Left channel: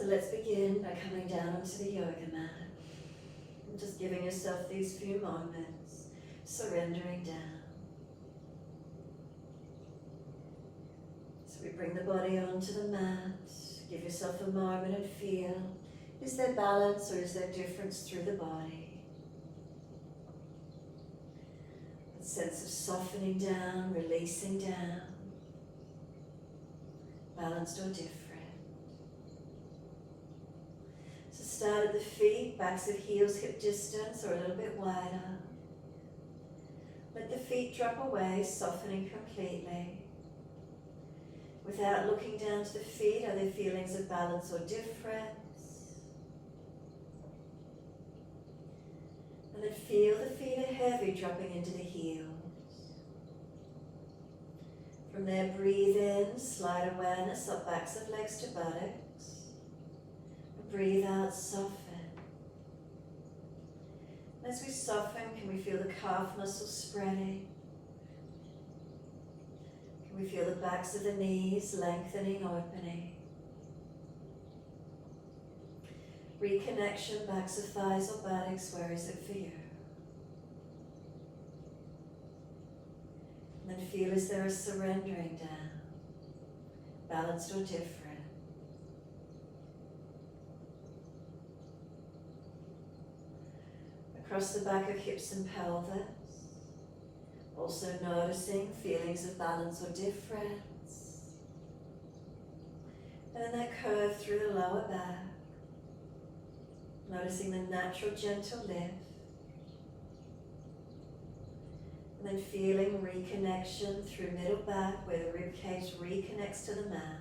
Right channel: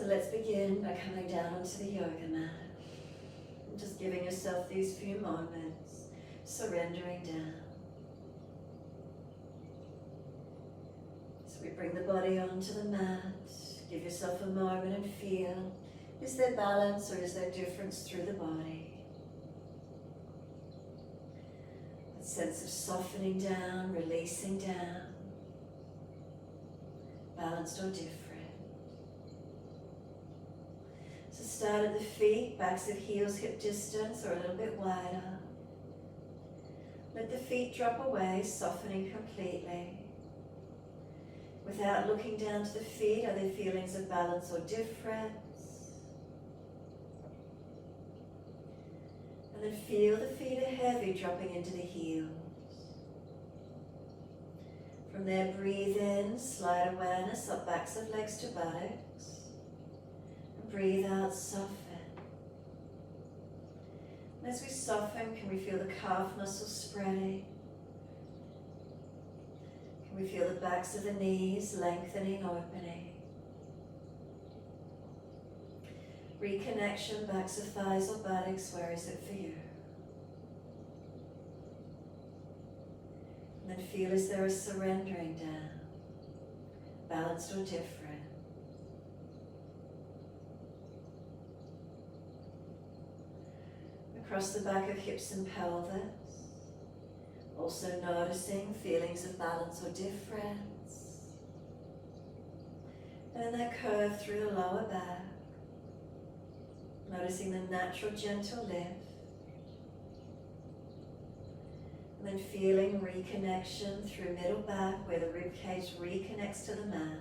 So let's begin by coming down onto the yoga mat and just giving yourself these few moments, surrendering down. So we bring the body onto the mat, give yourself a moment and feel, is there balance or is there difference through the body? That sense of softening down, releasing down, balanced or different. So start at the feet, backs of heels hip distance or a little bit wider. Let the feet drop away, softening completely. Without looking down to the feet, are there feelings of balance or difference? And then feel the feet are heavy, dropping into the heels. From there, breathe in, slide awareness up backs of legs to buttocks. And breathe out, soften. And as we soften, can we feel the calf muscles spreading? Can we feel the backs of the knees lengthening, opening? Reconnection, backs of thighs or buttocks, where is it for you? And then feel, is there a surrendering down, balanced or different? Across the back of hips and pelvis, also noticing feelings of balance or difference. And then that curve through the lower back, noticing the natural gentle lift. And then feeling reconnection through middle back where the ribcage reconnects to the mat.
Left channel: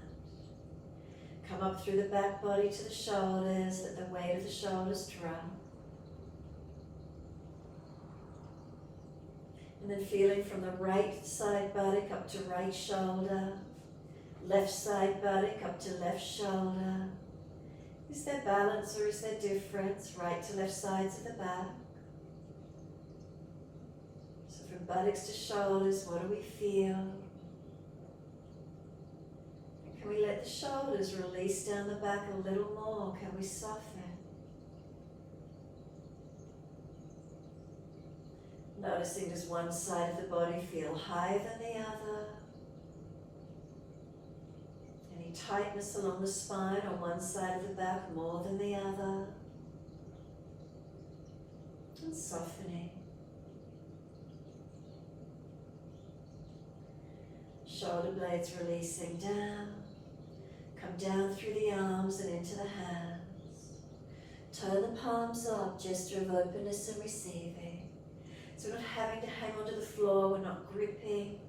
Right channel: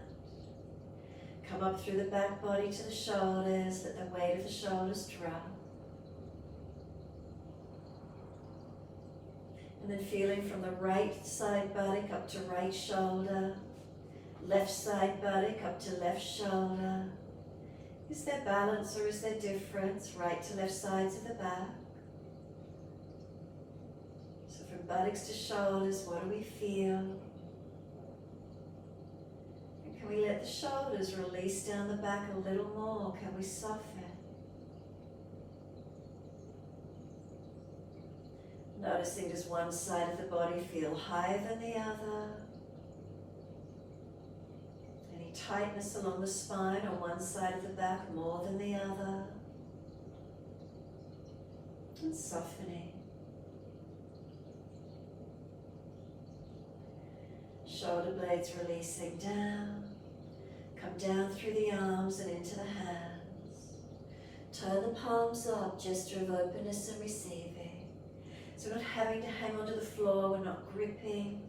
Come up through the back body to the shoulders, let the weight of the shoulders drop. And then feeling from the right side buttock up to right shoulder, left side buttock up to left shoulder. Is there balance or is there difference? Right to left sides of the back. So from buttocks to shoulders, what do we feel? And can we let the shoulders release down the back a little more? Can we soften? Noticing, does one side of the body feel higher than the other? Any tightness along the spine on one side of the back more than the other? And softening. Shoulder blades releasing down. Come down through the arms and into the hands. Turn the palms up, gesture of openness and receiving. So we're not having to hang onto the floor, we're not gripping.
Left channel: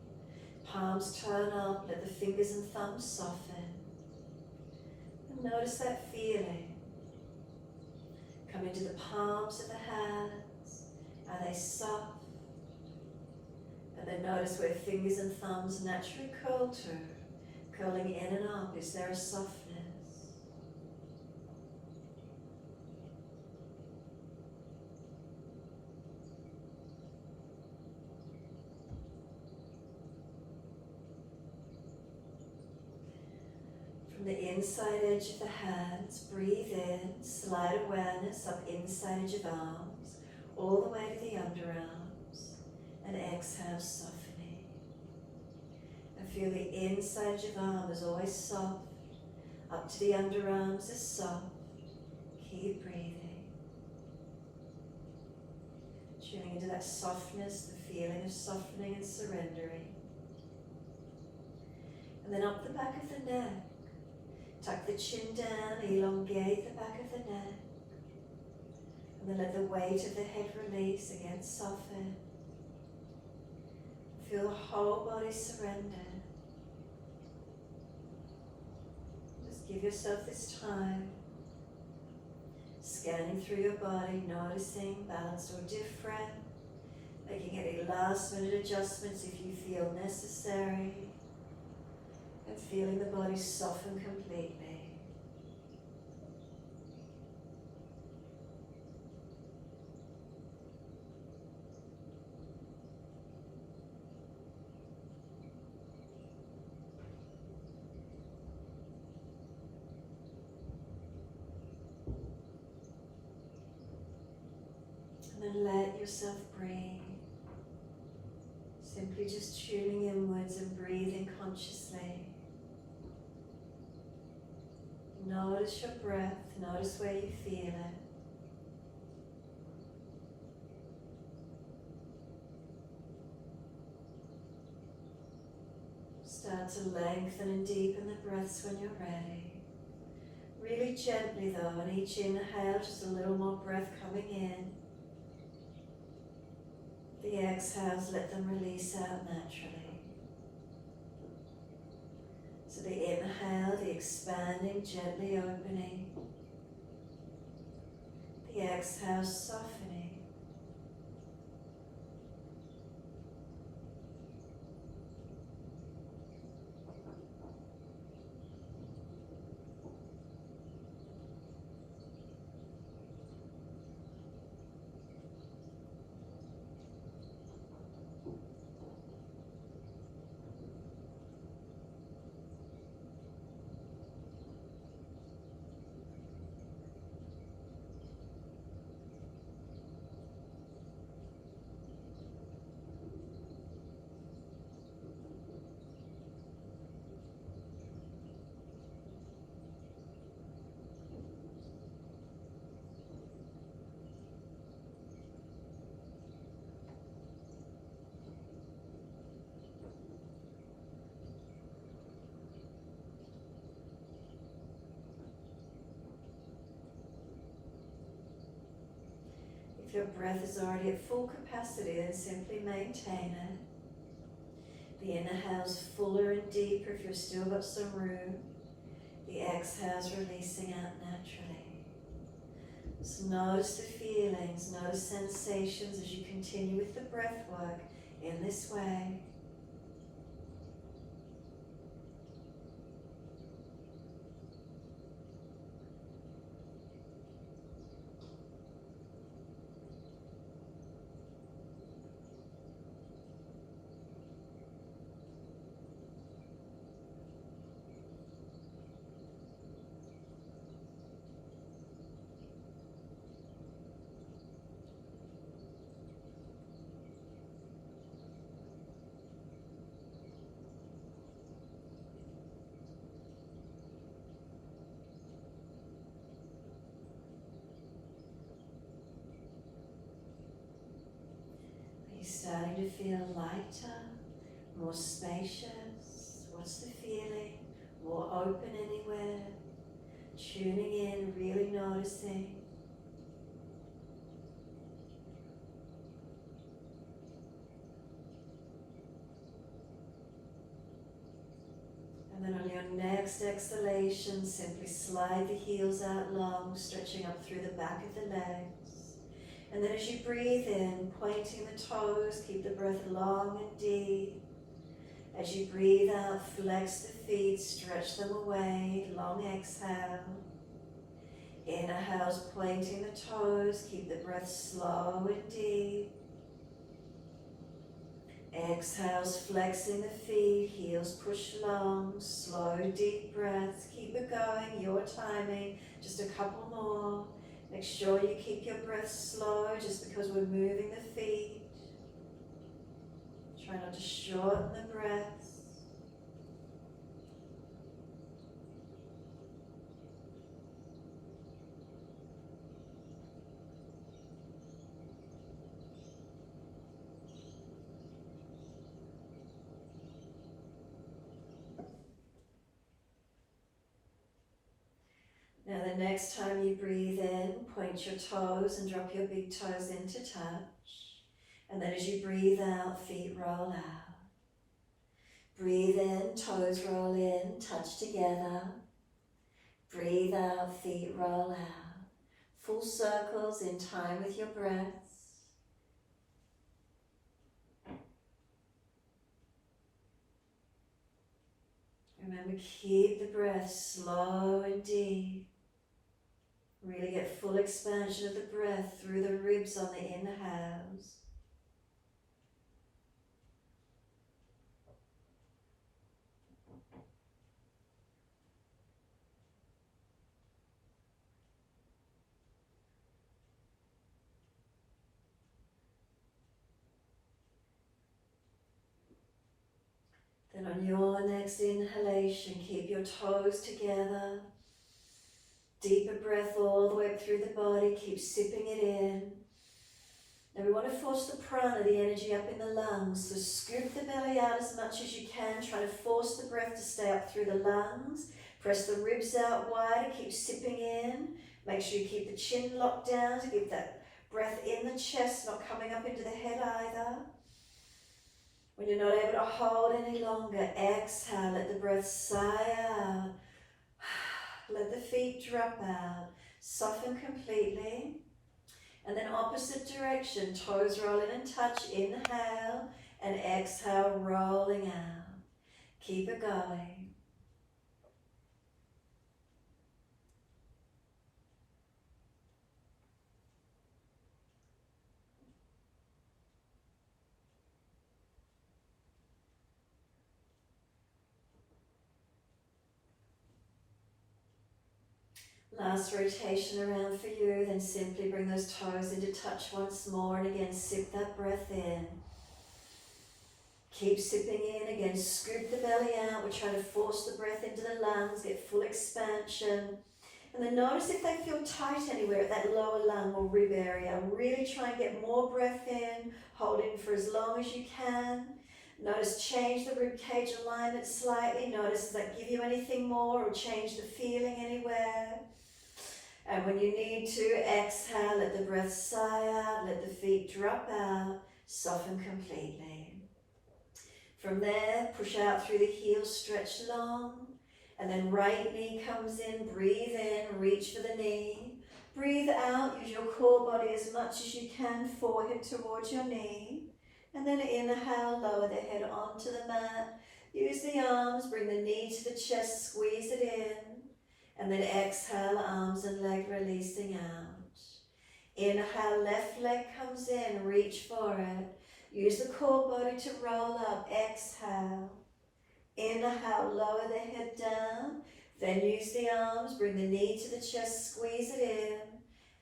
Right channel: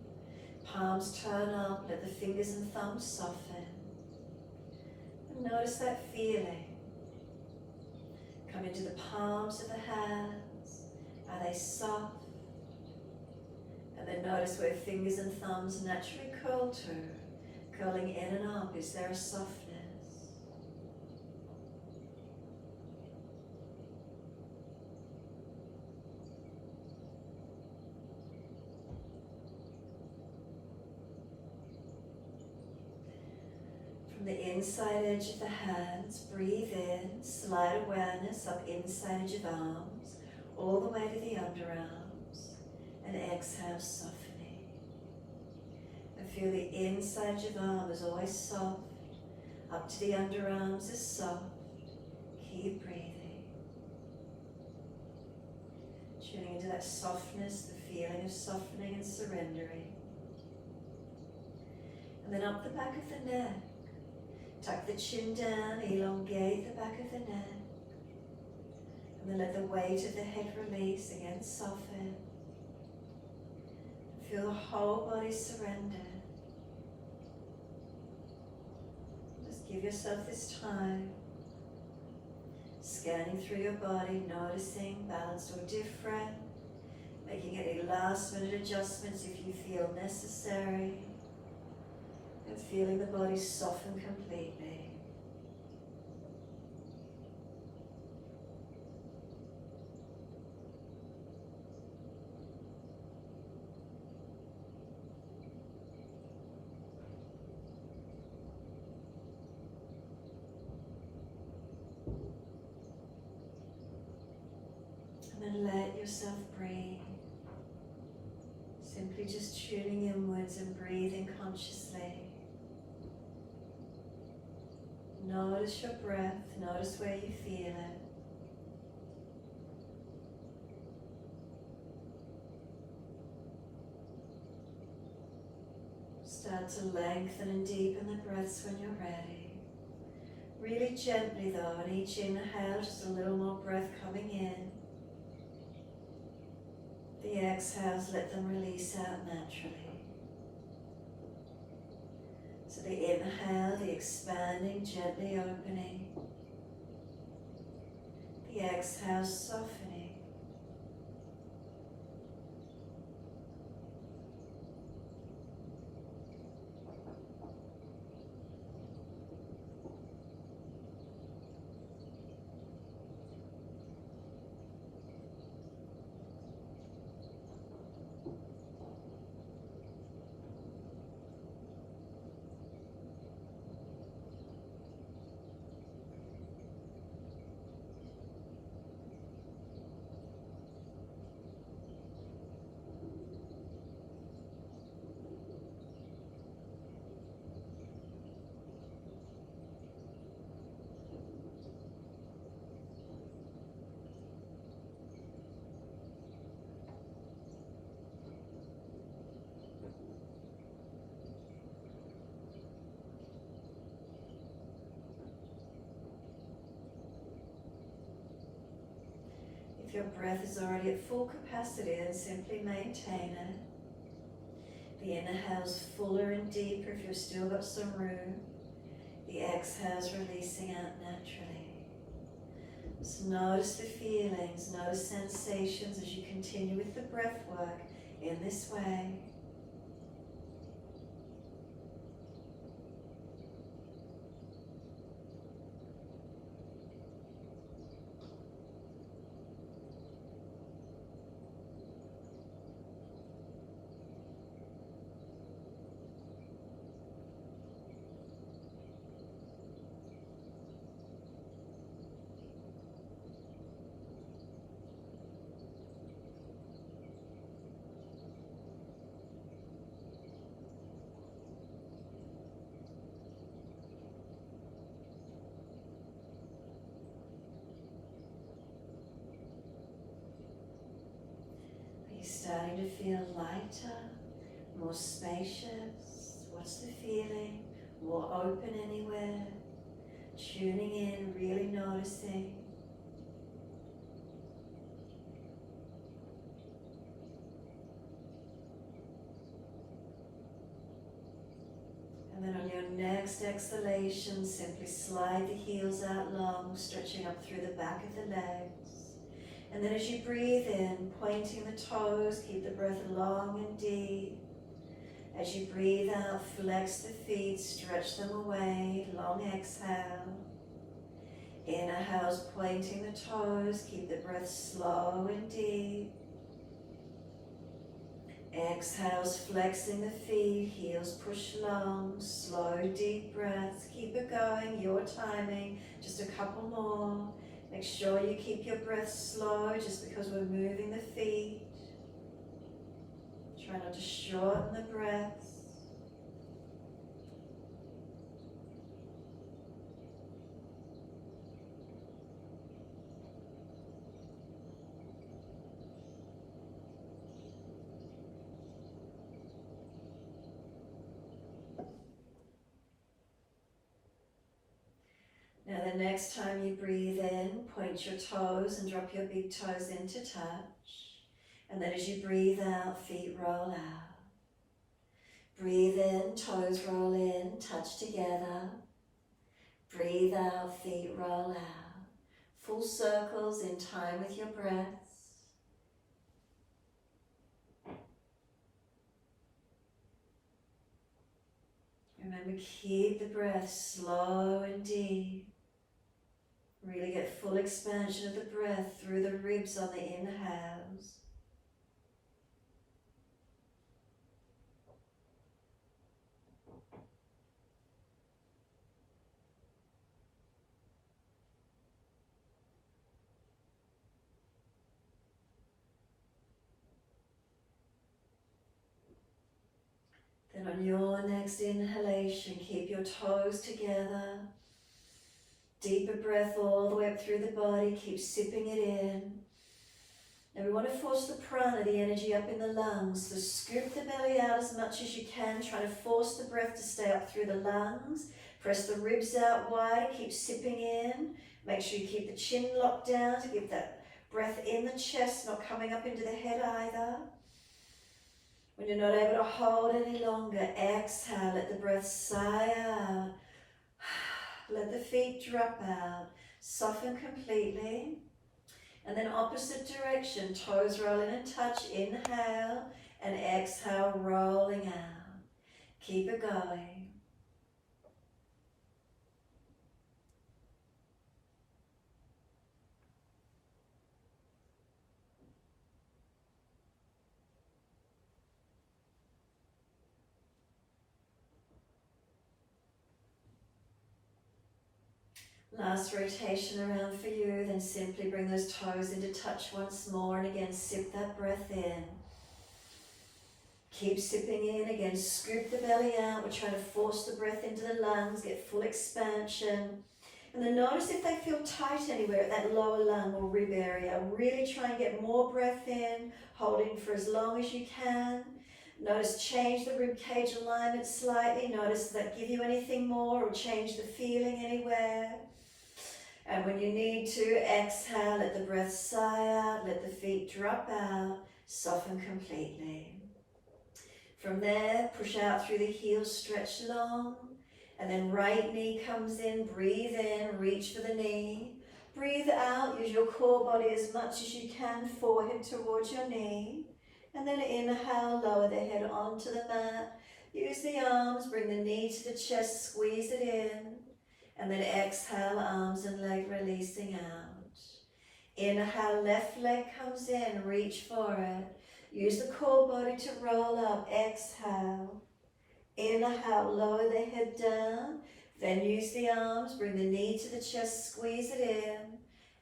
Palms turn up, let the fingers and thumbs soften. And notice that feeling. Come into the palms of the hands. Are they soft? And then notice where fingers and thumbs naturally curl to. Curling in and up, is there a softness? From the inside edge of the hands, breathe in, slide awareness up inside edge of arms, all the way to the underarms, and exhale, softening. And feel the inside edge of arm is always soft, up to the underarms is soft. Keep breathing. Tuning into that softness, the feeling of softening and surrendering. And then up the back of the neck. Tuck the chin down, elongate the back of the neck. And then let the weight of the head release, again soften. Feel the whole body surrender. Just give yourself this time. Scanning through your body, noticing balanced or different. Making any last minute adjustments if you feel necessary. And feeling the body soften completely. And then let yourself breathe. Simply just tuning inwards and breathing consciously. Notice your breath, notice where you feel it. Start to lengthen and deepen the breaths when you're ready. Really gently though, on each inhale, just a little more breath coming in. The exhales, let them release out naturally. So the inhale, the expanding, gently opening. The exhale, softening. If your breath is already at full capacity, then simply maintain it. The inhale's fuller and deeper if you've still got some room. The exhale's releasing out naturally. So notice the feelings, notice sensations as you continue with the breath work in this way. Are you starting to feel lighter, more spacious? What's the feeling? More open anywhere? Tuning in, really noticing. And then on your next exhalation, simply slide the heels out long, stretching up through the back of the legs. And then as you breathe in, pointing the toes, keep the breath long and deep. As you breathe out, flex the feet, stretch them away, long exhale. Inhales, pointing the toes, keep the breath slow and deep. Exhales, flexing the feet, heels push long, slow, deep breaths. Keep it going, your timing, just a couple more. Make sure you keep your breath slow just because we're moving the feet. Try not to shorten the breaths. Now the next time you breathe in, point your toes and drop your big toes into touch. And then as you breathe out, feet roll out. Breathe in, toes roll in, touch together. Breathe out, feet roll out. Full circles in time with your breaths. Remember, keep the breath slow and deep. Really get full expansion of the breath through the ribs on the inhales. And on your next inhalation, keep your toes together. Deeper breath all the way up through the body. Keep sipping it in. Now we want to force the prana, the energy, up in the lungs. So scoop the belly out as much as you can, trying to force the breath to stay up through the lungs. Press the ribs out wider, keep sipping in. Make sure you keep the chin locked down to keep that breath in the chest, not coming up into the head either. When you're not able to hold any longer, exhale, let the breath sigh out. Let the feet drop out, soften completely. And then opposite direction, toes roll in and touch, inhale, and exhale, rolling out. Keep it going. Last rotation around for you, then simply bring those toes into touch once more, and again sip that breath in. Keep sipping in, again scoop the belly out. We're trying to force the breath into the lungs, get full expansion. And then notice if they feel tight anywhere at that lower lung or rib area. Really try and get more breath in, holding for as long as you can. Notice, change the rib cage alignment slightly. Notice does that give you anything more or change the feeling anywhere. And when you need to, exhale, let the breath sigh out, let the feet drop out, soften completely. From there, push out through the heels, stretch long, and then right knee comes in, breathe in, reach for the knee. Breathe out, use your core body as much as you can, forehead towards your knee. And then inhale, lower the head onto the mat. Use the arms, bring the knee to the chest, squeeze it in. And then exhale, arms and leg releasing out. Inhale, left leg comes in, reach for it. Use the core body to roll up, exhale. Inhale, lower the head down. Then use the arms, bring the knee to the chest, squeeze it in.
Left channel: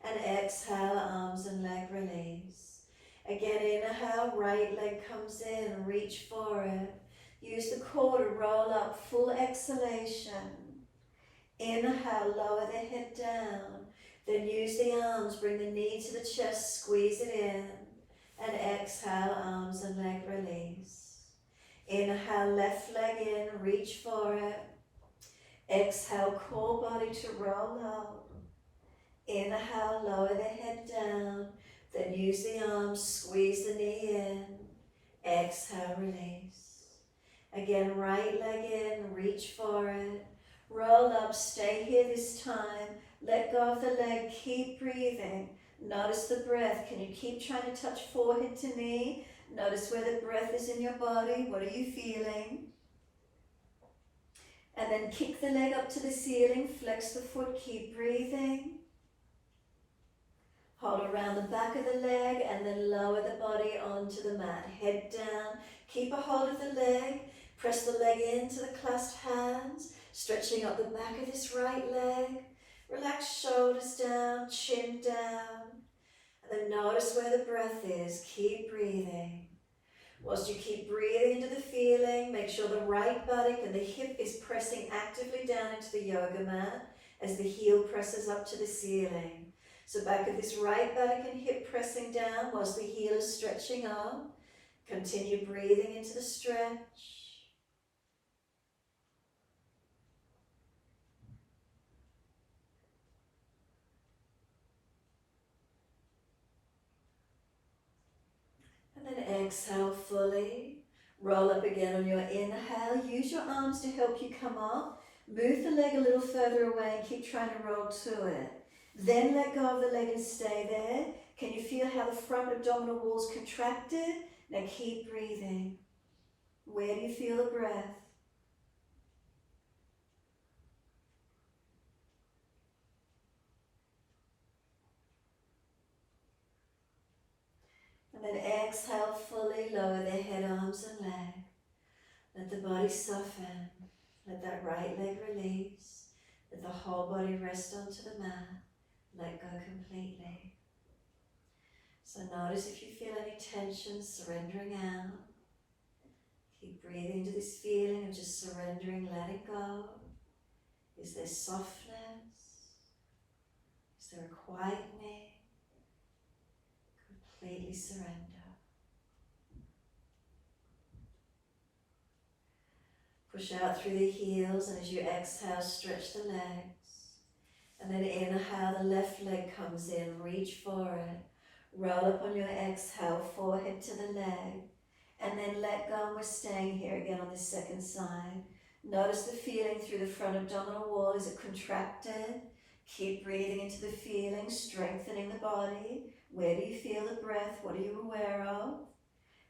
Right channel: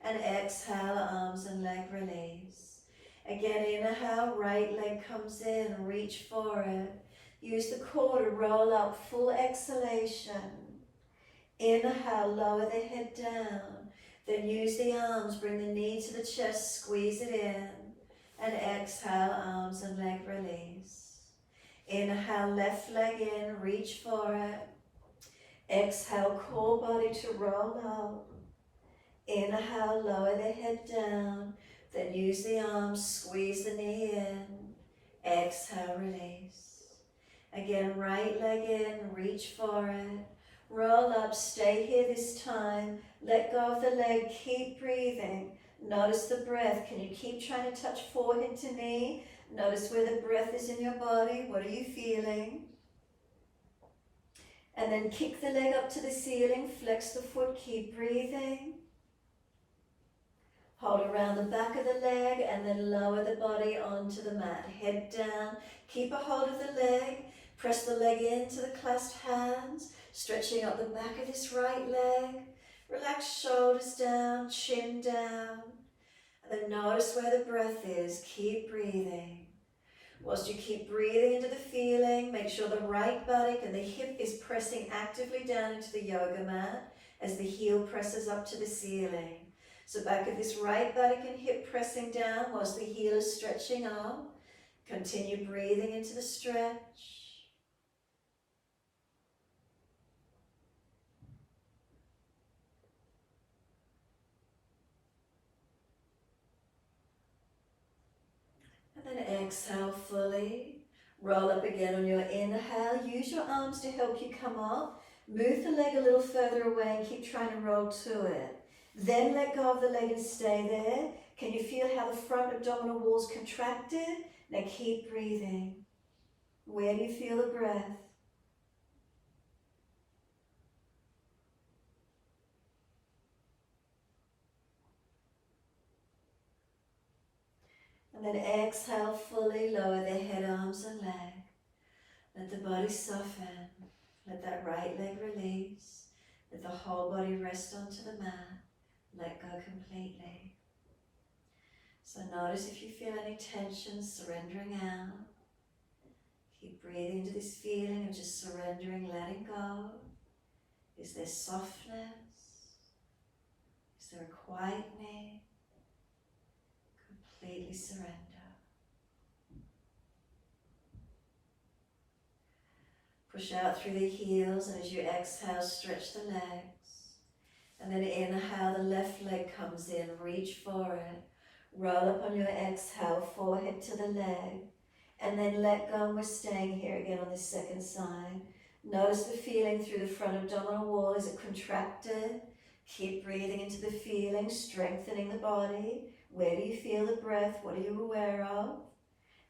And exhale, arms and leg release. Again, inhale, right leg comes in, reach for it. Use the core to roll up, full exhalation. Inhale, lower the head down. Then use the arms, bring the knee to the chest, squeeze it in. And exhale, arms and leg release. Inhale, left leg in, reach for it. Exhale, core body to roll up. Inhale, lower the head down. Then use the arms, squeeze the knee in. Exhale, release. Again, right leg in, reach for it. Roll up, stay here this time. Let go of the leg, keep breathing. Notice the breath. Can you keep trying to touch forehead to knee? Notice where the breath is in your body. What are you feeling? And then kick the leg up to the ceiling. Flex the foot. Keep breathing. Hold around the back of the leg and then lower the body onto the mat. Head down. Keep a hold of the leg. Press the leg into the clasped hands. Stretching up the back of this right leg. Relax shoulders down, chin down. And then notice where the breath is. Keep breathing. Whilst you keep breathing into the feeling, make sure the right buttock and the hip is pressing actively down into the yoga mat as the heel presses up to the ceiling. So back of this right buttock and hip pressing down whilst the heel is stretching up. Continue breathing into the stretch. And then exhale fully. Roll up again on your inhale. Use your arms to help you come up. Move the leg a little further away and keep trying to roll to it. Then let go of the leg and stay there. Can you feel how the front abdominal wall's contracted? Now keep breathing. Where do you feel the breath? And then exhale fully, lower the head, arms and leg. Let the body soften. Let that right leg release. Let the whole body rest onto the mat. Let go completely. So notice if you feel any tension surrendering out. Keep breathing into this feeling of just surrendering, letting go. Is there softness? Is there a quietening? Completely surrender. Push out through the heels, and as you exhale, stretch the legs. And then inhale, the left leg comes in, reach for it. Roll up on your exhale, forehead to the leg. And then let go, and we're staying here again on this second side. Notice the feeling through the front abdominal wall. Is it contracted? Keep breathing into the feeling, strengthening the body. Where do you feel the breath? What are you aware of?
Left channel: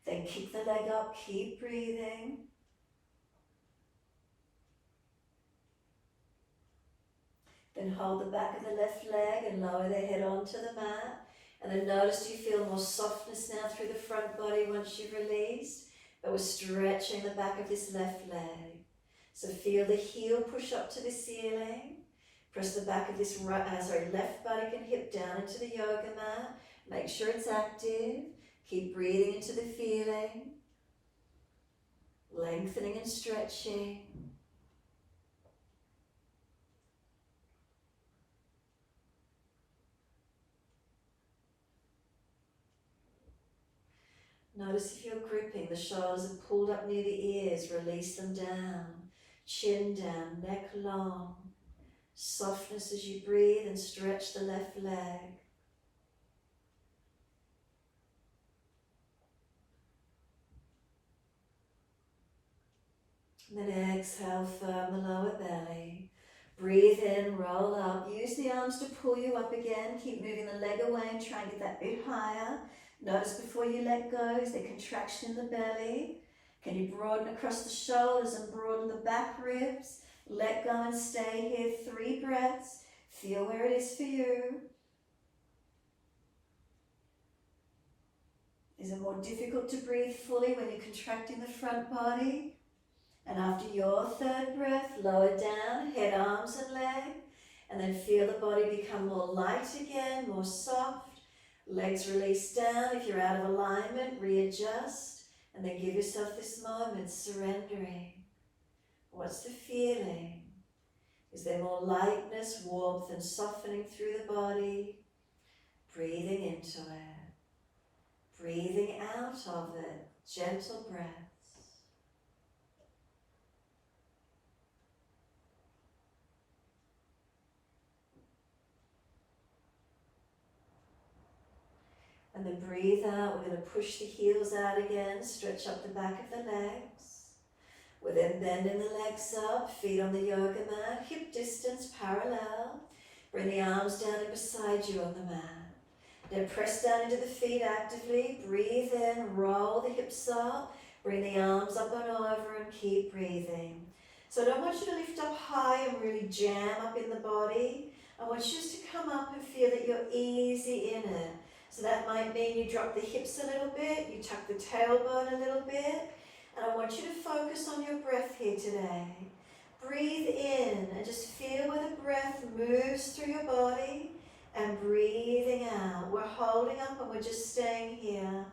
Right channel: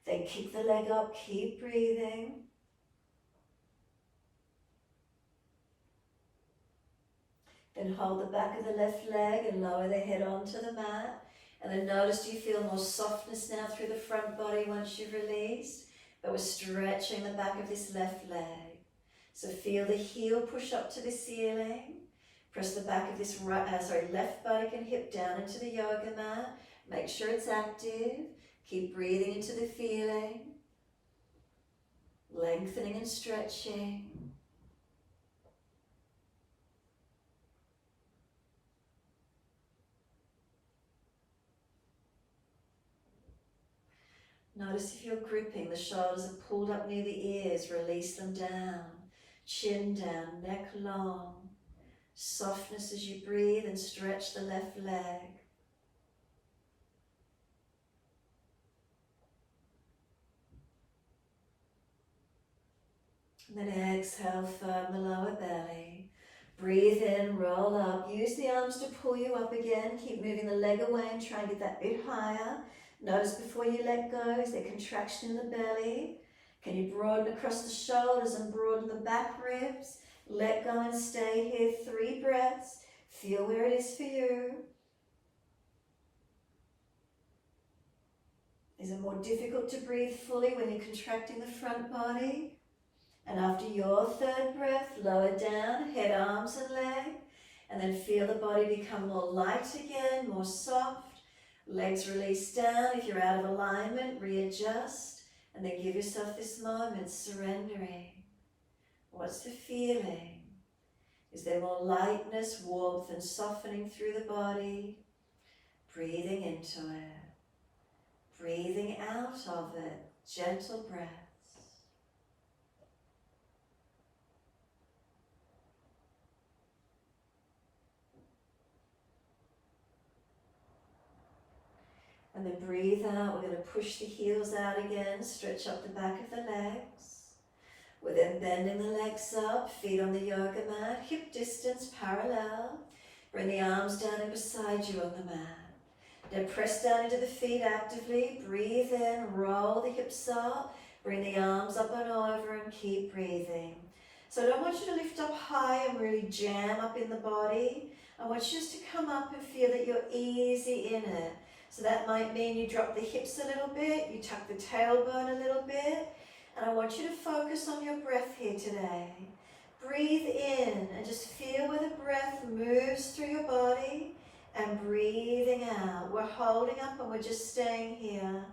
Then kick the leg up, keep breathing. Then hold the back of the left leg and lower the head onto the mat. And then notice you feel more softness now through the front body once you've released. But we're stretching the back of this left leg. So feel the heel push up to the ceiling. Press the back of this left buttock and hip down into the yoga mat. Make sure it's active. Keep breathing into the feeling. Lengthening and stretching. Notice if you're gripping, the shoulders are pulled up near the ears, release them down. Chin down, neck long. Softness as you breathe and stretch the left leg. And then exhale, firm the lower belly. Breathe in, roll up. Use the arms to pull you up again. Keep moving the leg away and try and get that bit higher. Notice before you let go, is there contraction in the belly? Can you broaden across the shoulders and broaden the back ribs? Let go and stay here. 3 breaths. Feel where it is for you. Is it more difficult to breathe fully when you're contracting the front body? And after your 3rd breath, lower down, head, arms and leg. And then feel the body become more light again, more soft. Legs release down. If you're out of alignment, readjust. And then give yourself this moment, surrendering. What's the feeling? Is there more lightness, warmth and softening through the body? Breathing into it. Breathing out of it. Gentle breaths. And then breathe out. We're going to push the heels out again. Stretch up the back of the legs. We're then bending the legs up. Feet on the yoga mat. Hip distance parallel. Bring the arms down and beside you on the mat. Now press down into the feet actively. Breathe in. Roll the hips up. Bring the arms up and over and keep breathing. So I don't want you to lift up high and really jam up in the body. I want you just to come up and feel that you're easy in it. So that might mean you drop the hips a little bit, you tuck the tailbone a little bit, and I want you to focus on your breath here today. Breathe in and just feel where the breath moves through your body, and breathing out. We're holding up and we're just staying here.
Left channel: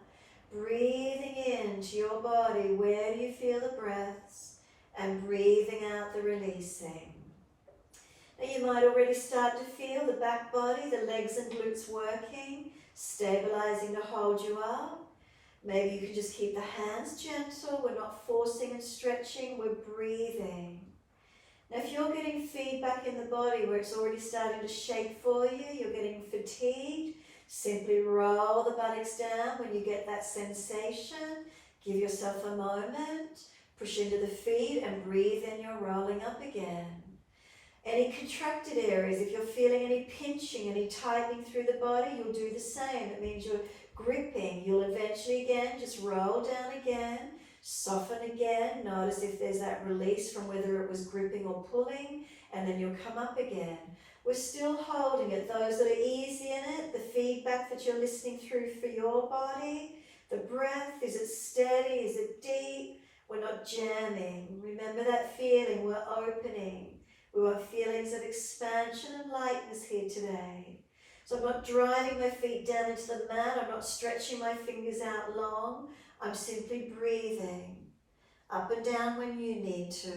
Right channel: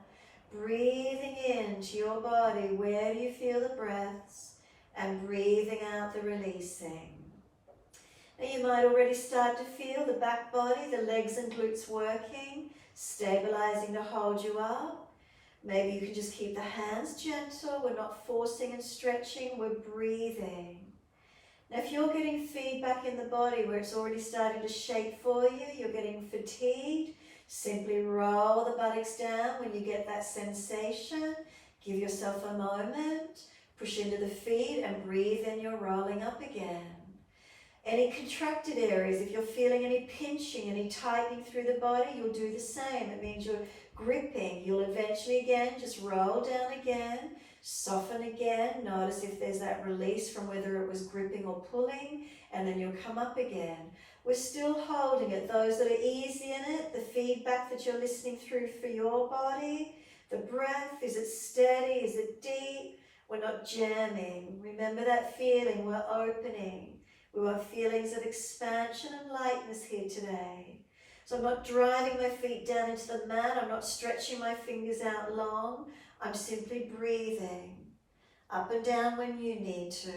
Breathing into your body, where do you feel the breaths, and breathing out the releasing. Now you might already start to feel the back body, the legs and glutes working, stabilizing to hold you up. Maybe you can just keep the hands gentle. We're not forcing and stretching, we're breathing. Now if you're getting feedback in the body where it's already starting to shake for you, you're getting fatigued, simply roll the buttocks down when you get that sensation. Give yourself a moment, push into the feet and breathe in, you're rolling up again. Any contracted areas, if you're feeling any pinching, any tightening through the body, you'll do the same. It means you're gripping. You'll eventually again just roll down again, soften again. Notice if there's that release from whether it was gripping or pulling, and then you'll come up again. We're still holding it. Those that are easy in it, the feedback that you're listening through for your body, the breath, is it steady, is it deep? We're not jamming. Remember that feeling, we're opening. We want feelings of expansion and lightness here today. So I'm not driving my feet down into the mat. I'm not stretching my fingers out long. I'm simply breathing. Up and down when you need to.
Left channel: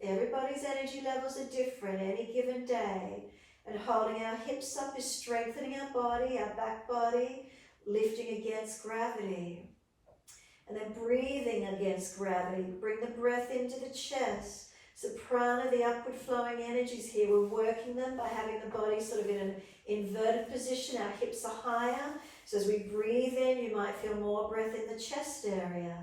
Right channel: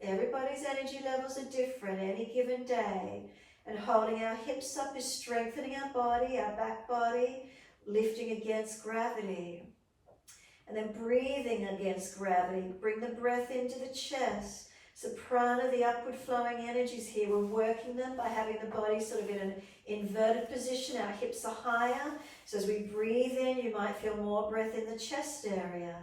Everybody's energy levels are different any given day. And holding our hips up is strengthening our body, our back body, lifting against gravity. And then breathing against gravity. Bring the breath into the chest. So prana, the upward flowing energies here, we're working them by having the body sort of in an inverted position. Our hips are higher. So as we breathe in, you might feel more breath in the chest area.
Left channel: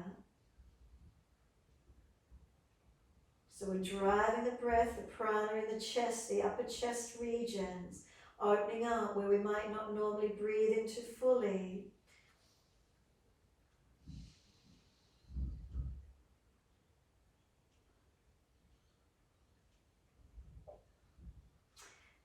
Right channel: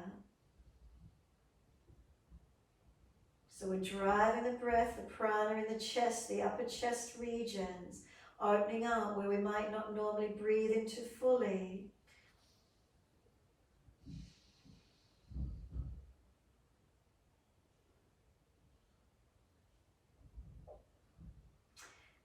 So we're driving the breath, the prana in the chest, the upper chest regions, opening up where we might not normally breathe into fully.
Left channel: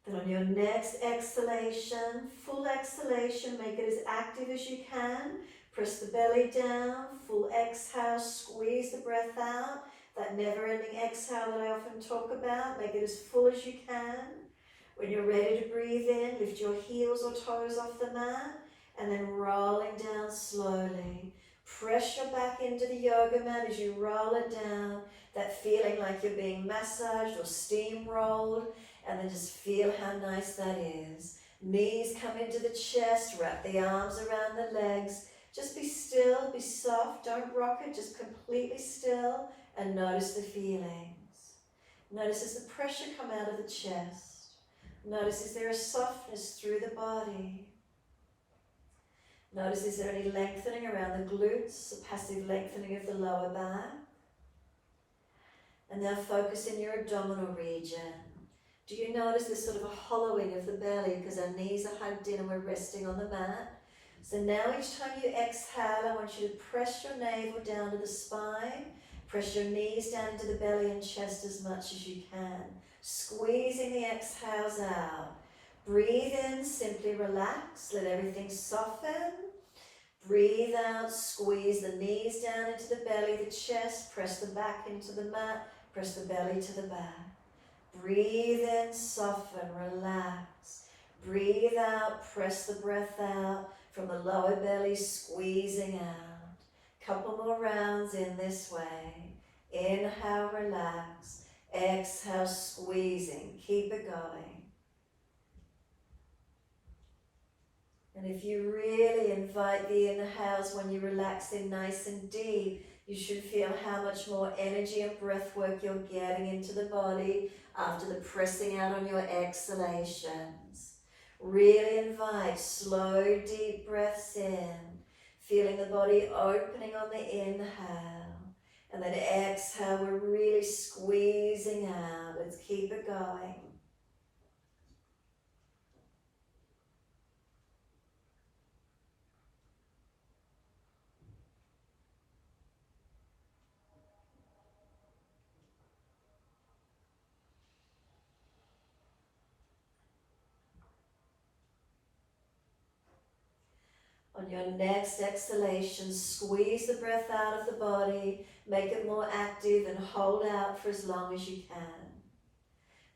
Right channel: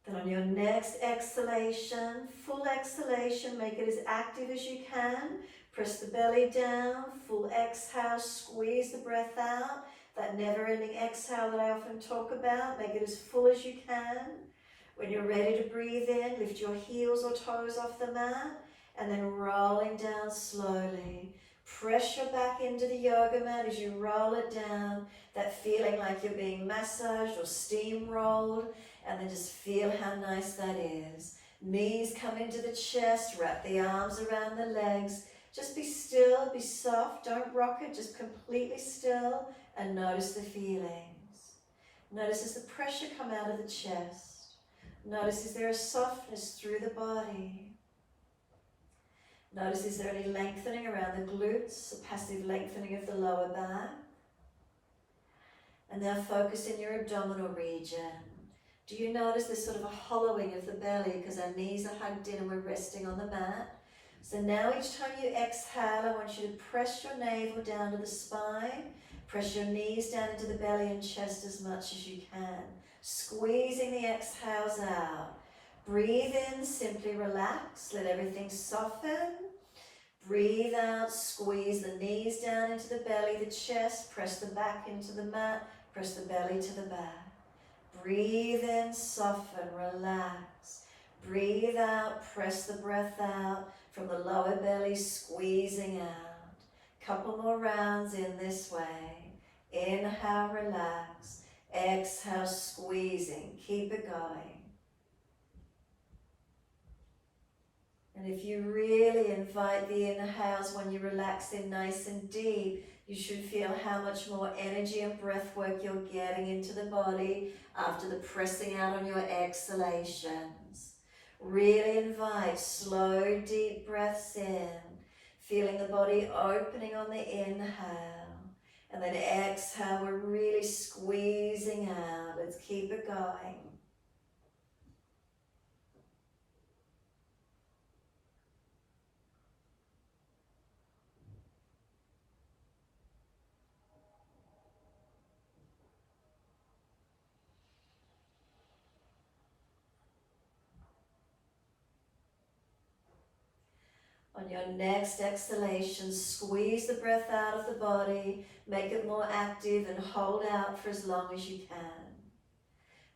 Then on your next exhalation, full exhalation, make it as active as you can. Press the belly down, full exhale, squeeze the breath out. That never-ending exhale that I often talk about, make it as full as you can. When you're ready to breathe in, lift your heels or toes off the mat, and then rolling down slowly. Press your back into the yoga mat as you roll it down, that feeling like you're being massaged or steamrolled, and then just feel how nice that is. Knees come into the chest, wrap the arms around the legs. Just be still, be soft, don't rock it, just completely still, and notice the feelings. Notice as the pressure come out of the chest. Notice is there a softness through the body. Notice is there any lengthening around the glutes, a passive lengthening of the lower back. And now focus in your abdominal region. Do you notice there's sort of a hollowing of the belly because our knees are hugged in and we're resting on the mat? So now each time you exhale, I want you to press your navel down to the spine. Press your knees down into the belly and chest as much as you can. Squeezing the exhales out. Breathe in, simply relax, let everything soften. Breathe out, squeeze the knees down into the belly, the chest, press the back into the mat, press the belly to the back. Breathe in, soften, relax. Breathe out, press the breath out from the lower belly, squeezing out. Couple more rounds in this way. Inhale, relax. Exhale, squeezing. Keep it going. And if you really invite the inhales when you relax in nice and deep, you should feel how much more energy and breath work you're getting into the body after the pressing out on your exhalations. Really invite slow, deep breaths in, feeling the body opening on the inhale. And then exhale, we're really squeezing out. Let's keep it going. On your next exhalation, squeeze the breath out of the body, make it more active and hold out for as long as you can.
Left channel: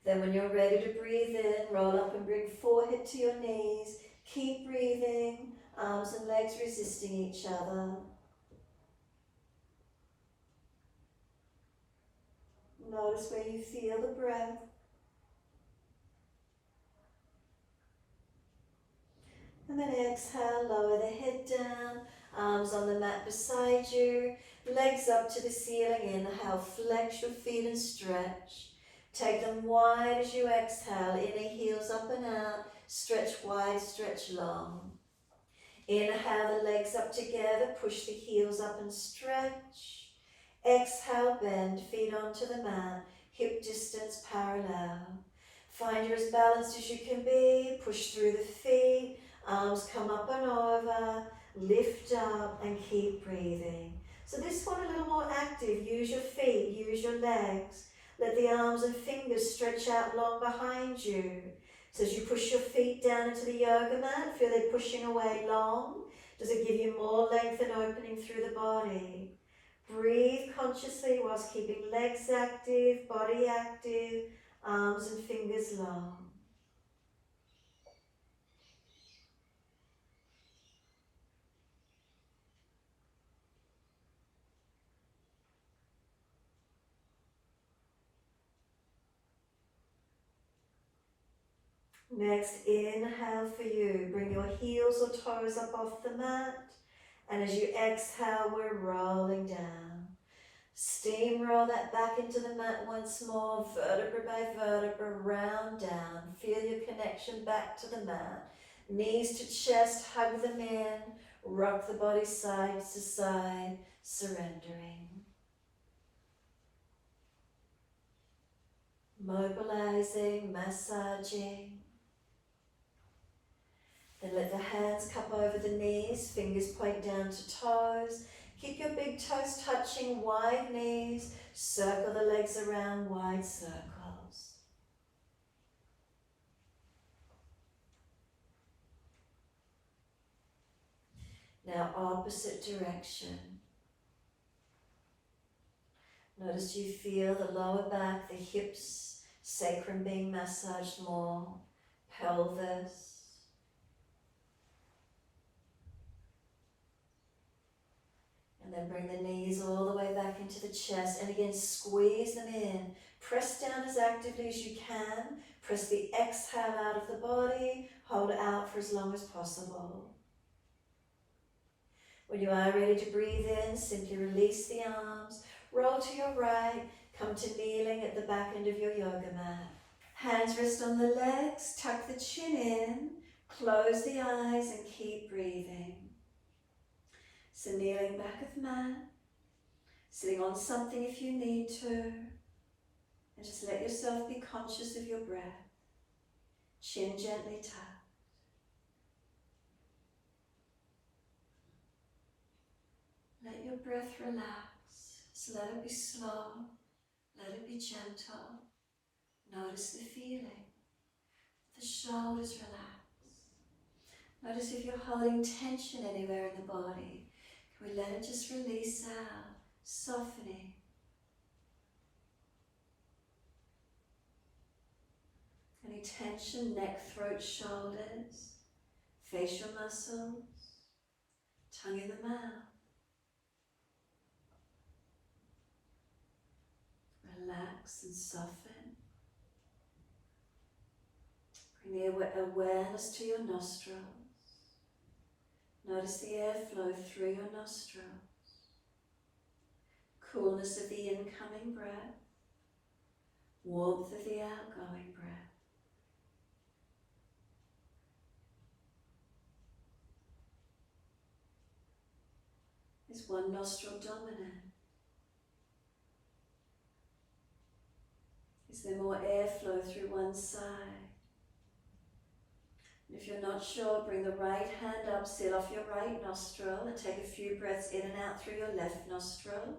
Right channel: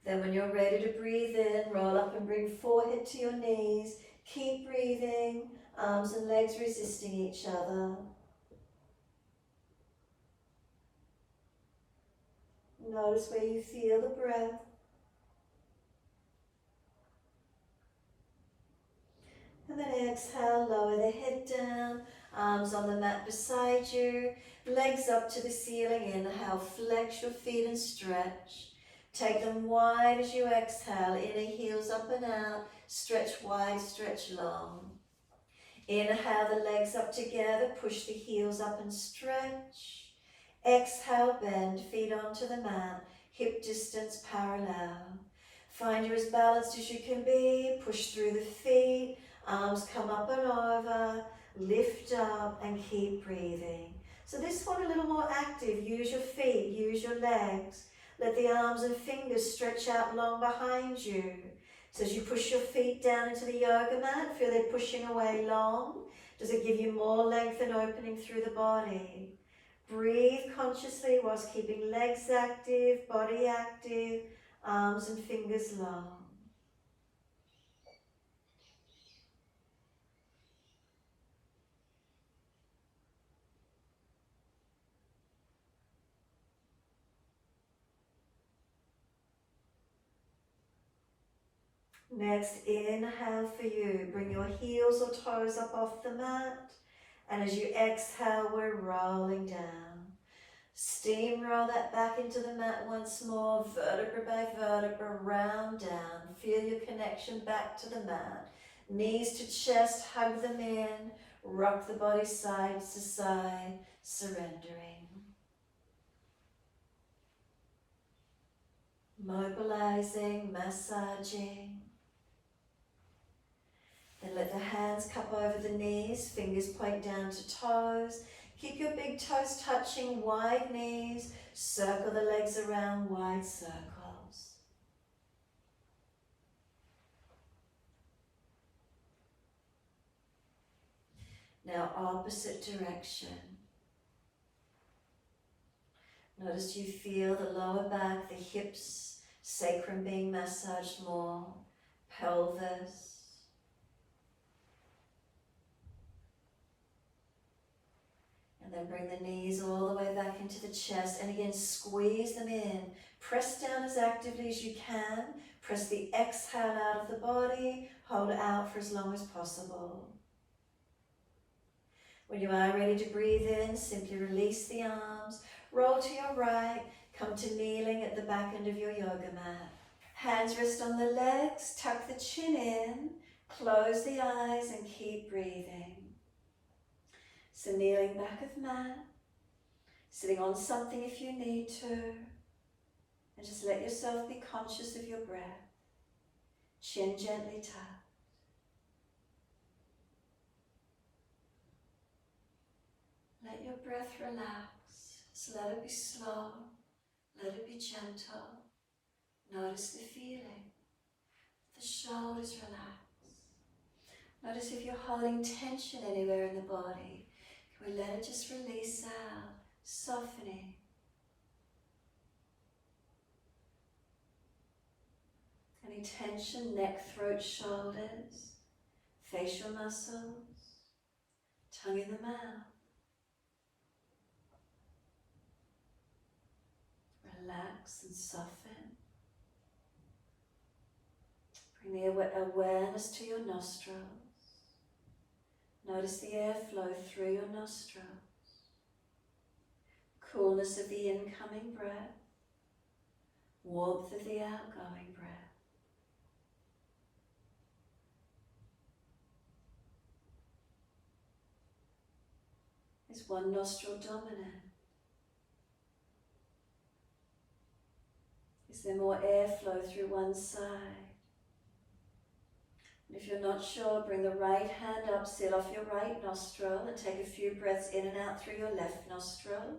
Then when you're ready to breathe in, roll up and bring forehead to your knees. Keep breathing, arms and legs resisting each other. Notice where you feel the breath. And then exhale, lower the head down, arms on the mat beside you, legs up to the ceiling. Inhale, flex your feet and stretch. Take them wide as you exhale, inner heels up and out, stretch wide, stretch long. Inhale, the legs up together, push the heels up and stretch. Exhale, bend, feet onto the mat, hip distance parallel. Find you're as balanced as you can be, push through the feet, arms come up and over, lift up and keep breathing. So this one a little more active, use your feet, use your legs. Let the arms and fingers stretch out long behind you. So as you push your feet down into the yoga mat, feel they're pushing away long. Does it give you more length and opening through the body? Breathe consciously whilst keeping legs active, body active, arms and fingers long. Next, inhale for you. Bring your heels or toes up off the mat. And as you exhale, we're rolling down. Steamroll that back into the mat once more, vertebra by vertebra, round down. Feel your connection back to the mat. Knees to chest, hug them in. Rock the body side to side, surrendering. Mobilizing, massaging. Then let the hands cup over the knees, fingers point down to toes. Keep your big toes touching, wide knees. Circle the legs around, wide circles. Now opposite direction. Notice you feel the lower back, the hips, sacrum being massaged more, pelvis. And then bring the knees all the way back into the chest. And again, squeeze them in. Press down as actively as you can. Press the exhale out of the body. Hold it out for as long as possible. When you are ready to breathe in, simply release the arms. Roll to your right. Come to kneeling at the back end of your yoga mat. Hands rest on the legs. Tuck the chin in. Close the eyes and keep breathing. So kneeling back of mat, sitting on something if you need to, and just let yourself be conscious of your breath. Chin gently tucked. Let your breath relax, so let it be slow, let it be gentle. Notice the feeling, the shoulders relax. Notice if you're holding tension anywhere in the body. We let it just release out, softening. Any tension, neck, throat, shoulders, facial muscles, tongue in the mouth. Relax and soften. Bring the awareness to your nostrils. Notice the airflow through your nostrils. Coolness of the incoming breath. Warmth of the outgoing breath. Is one nostril dominant? Is there more airflow through one side? And if you're not sure, bring the right hand up, seal off your right nostril, and take a few breaths in and out through your left nostril.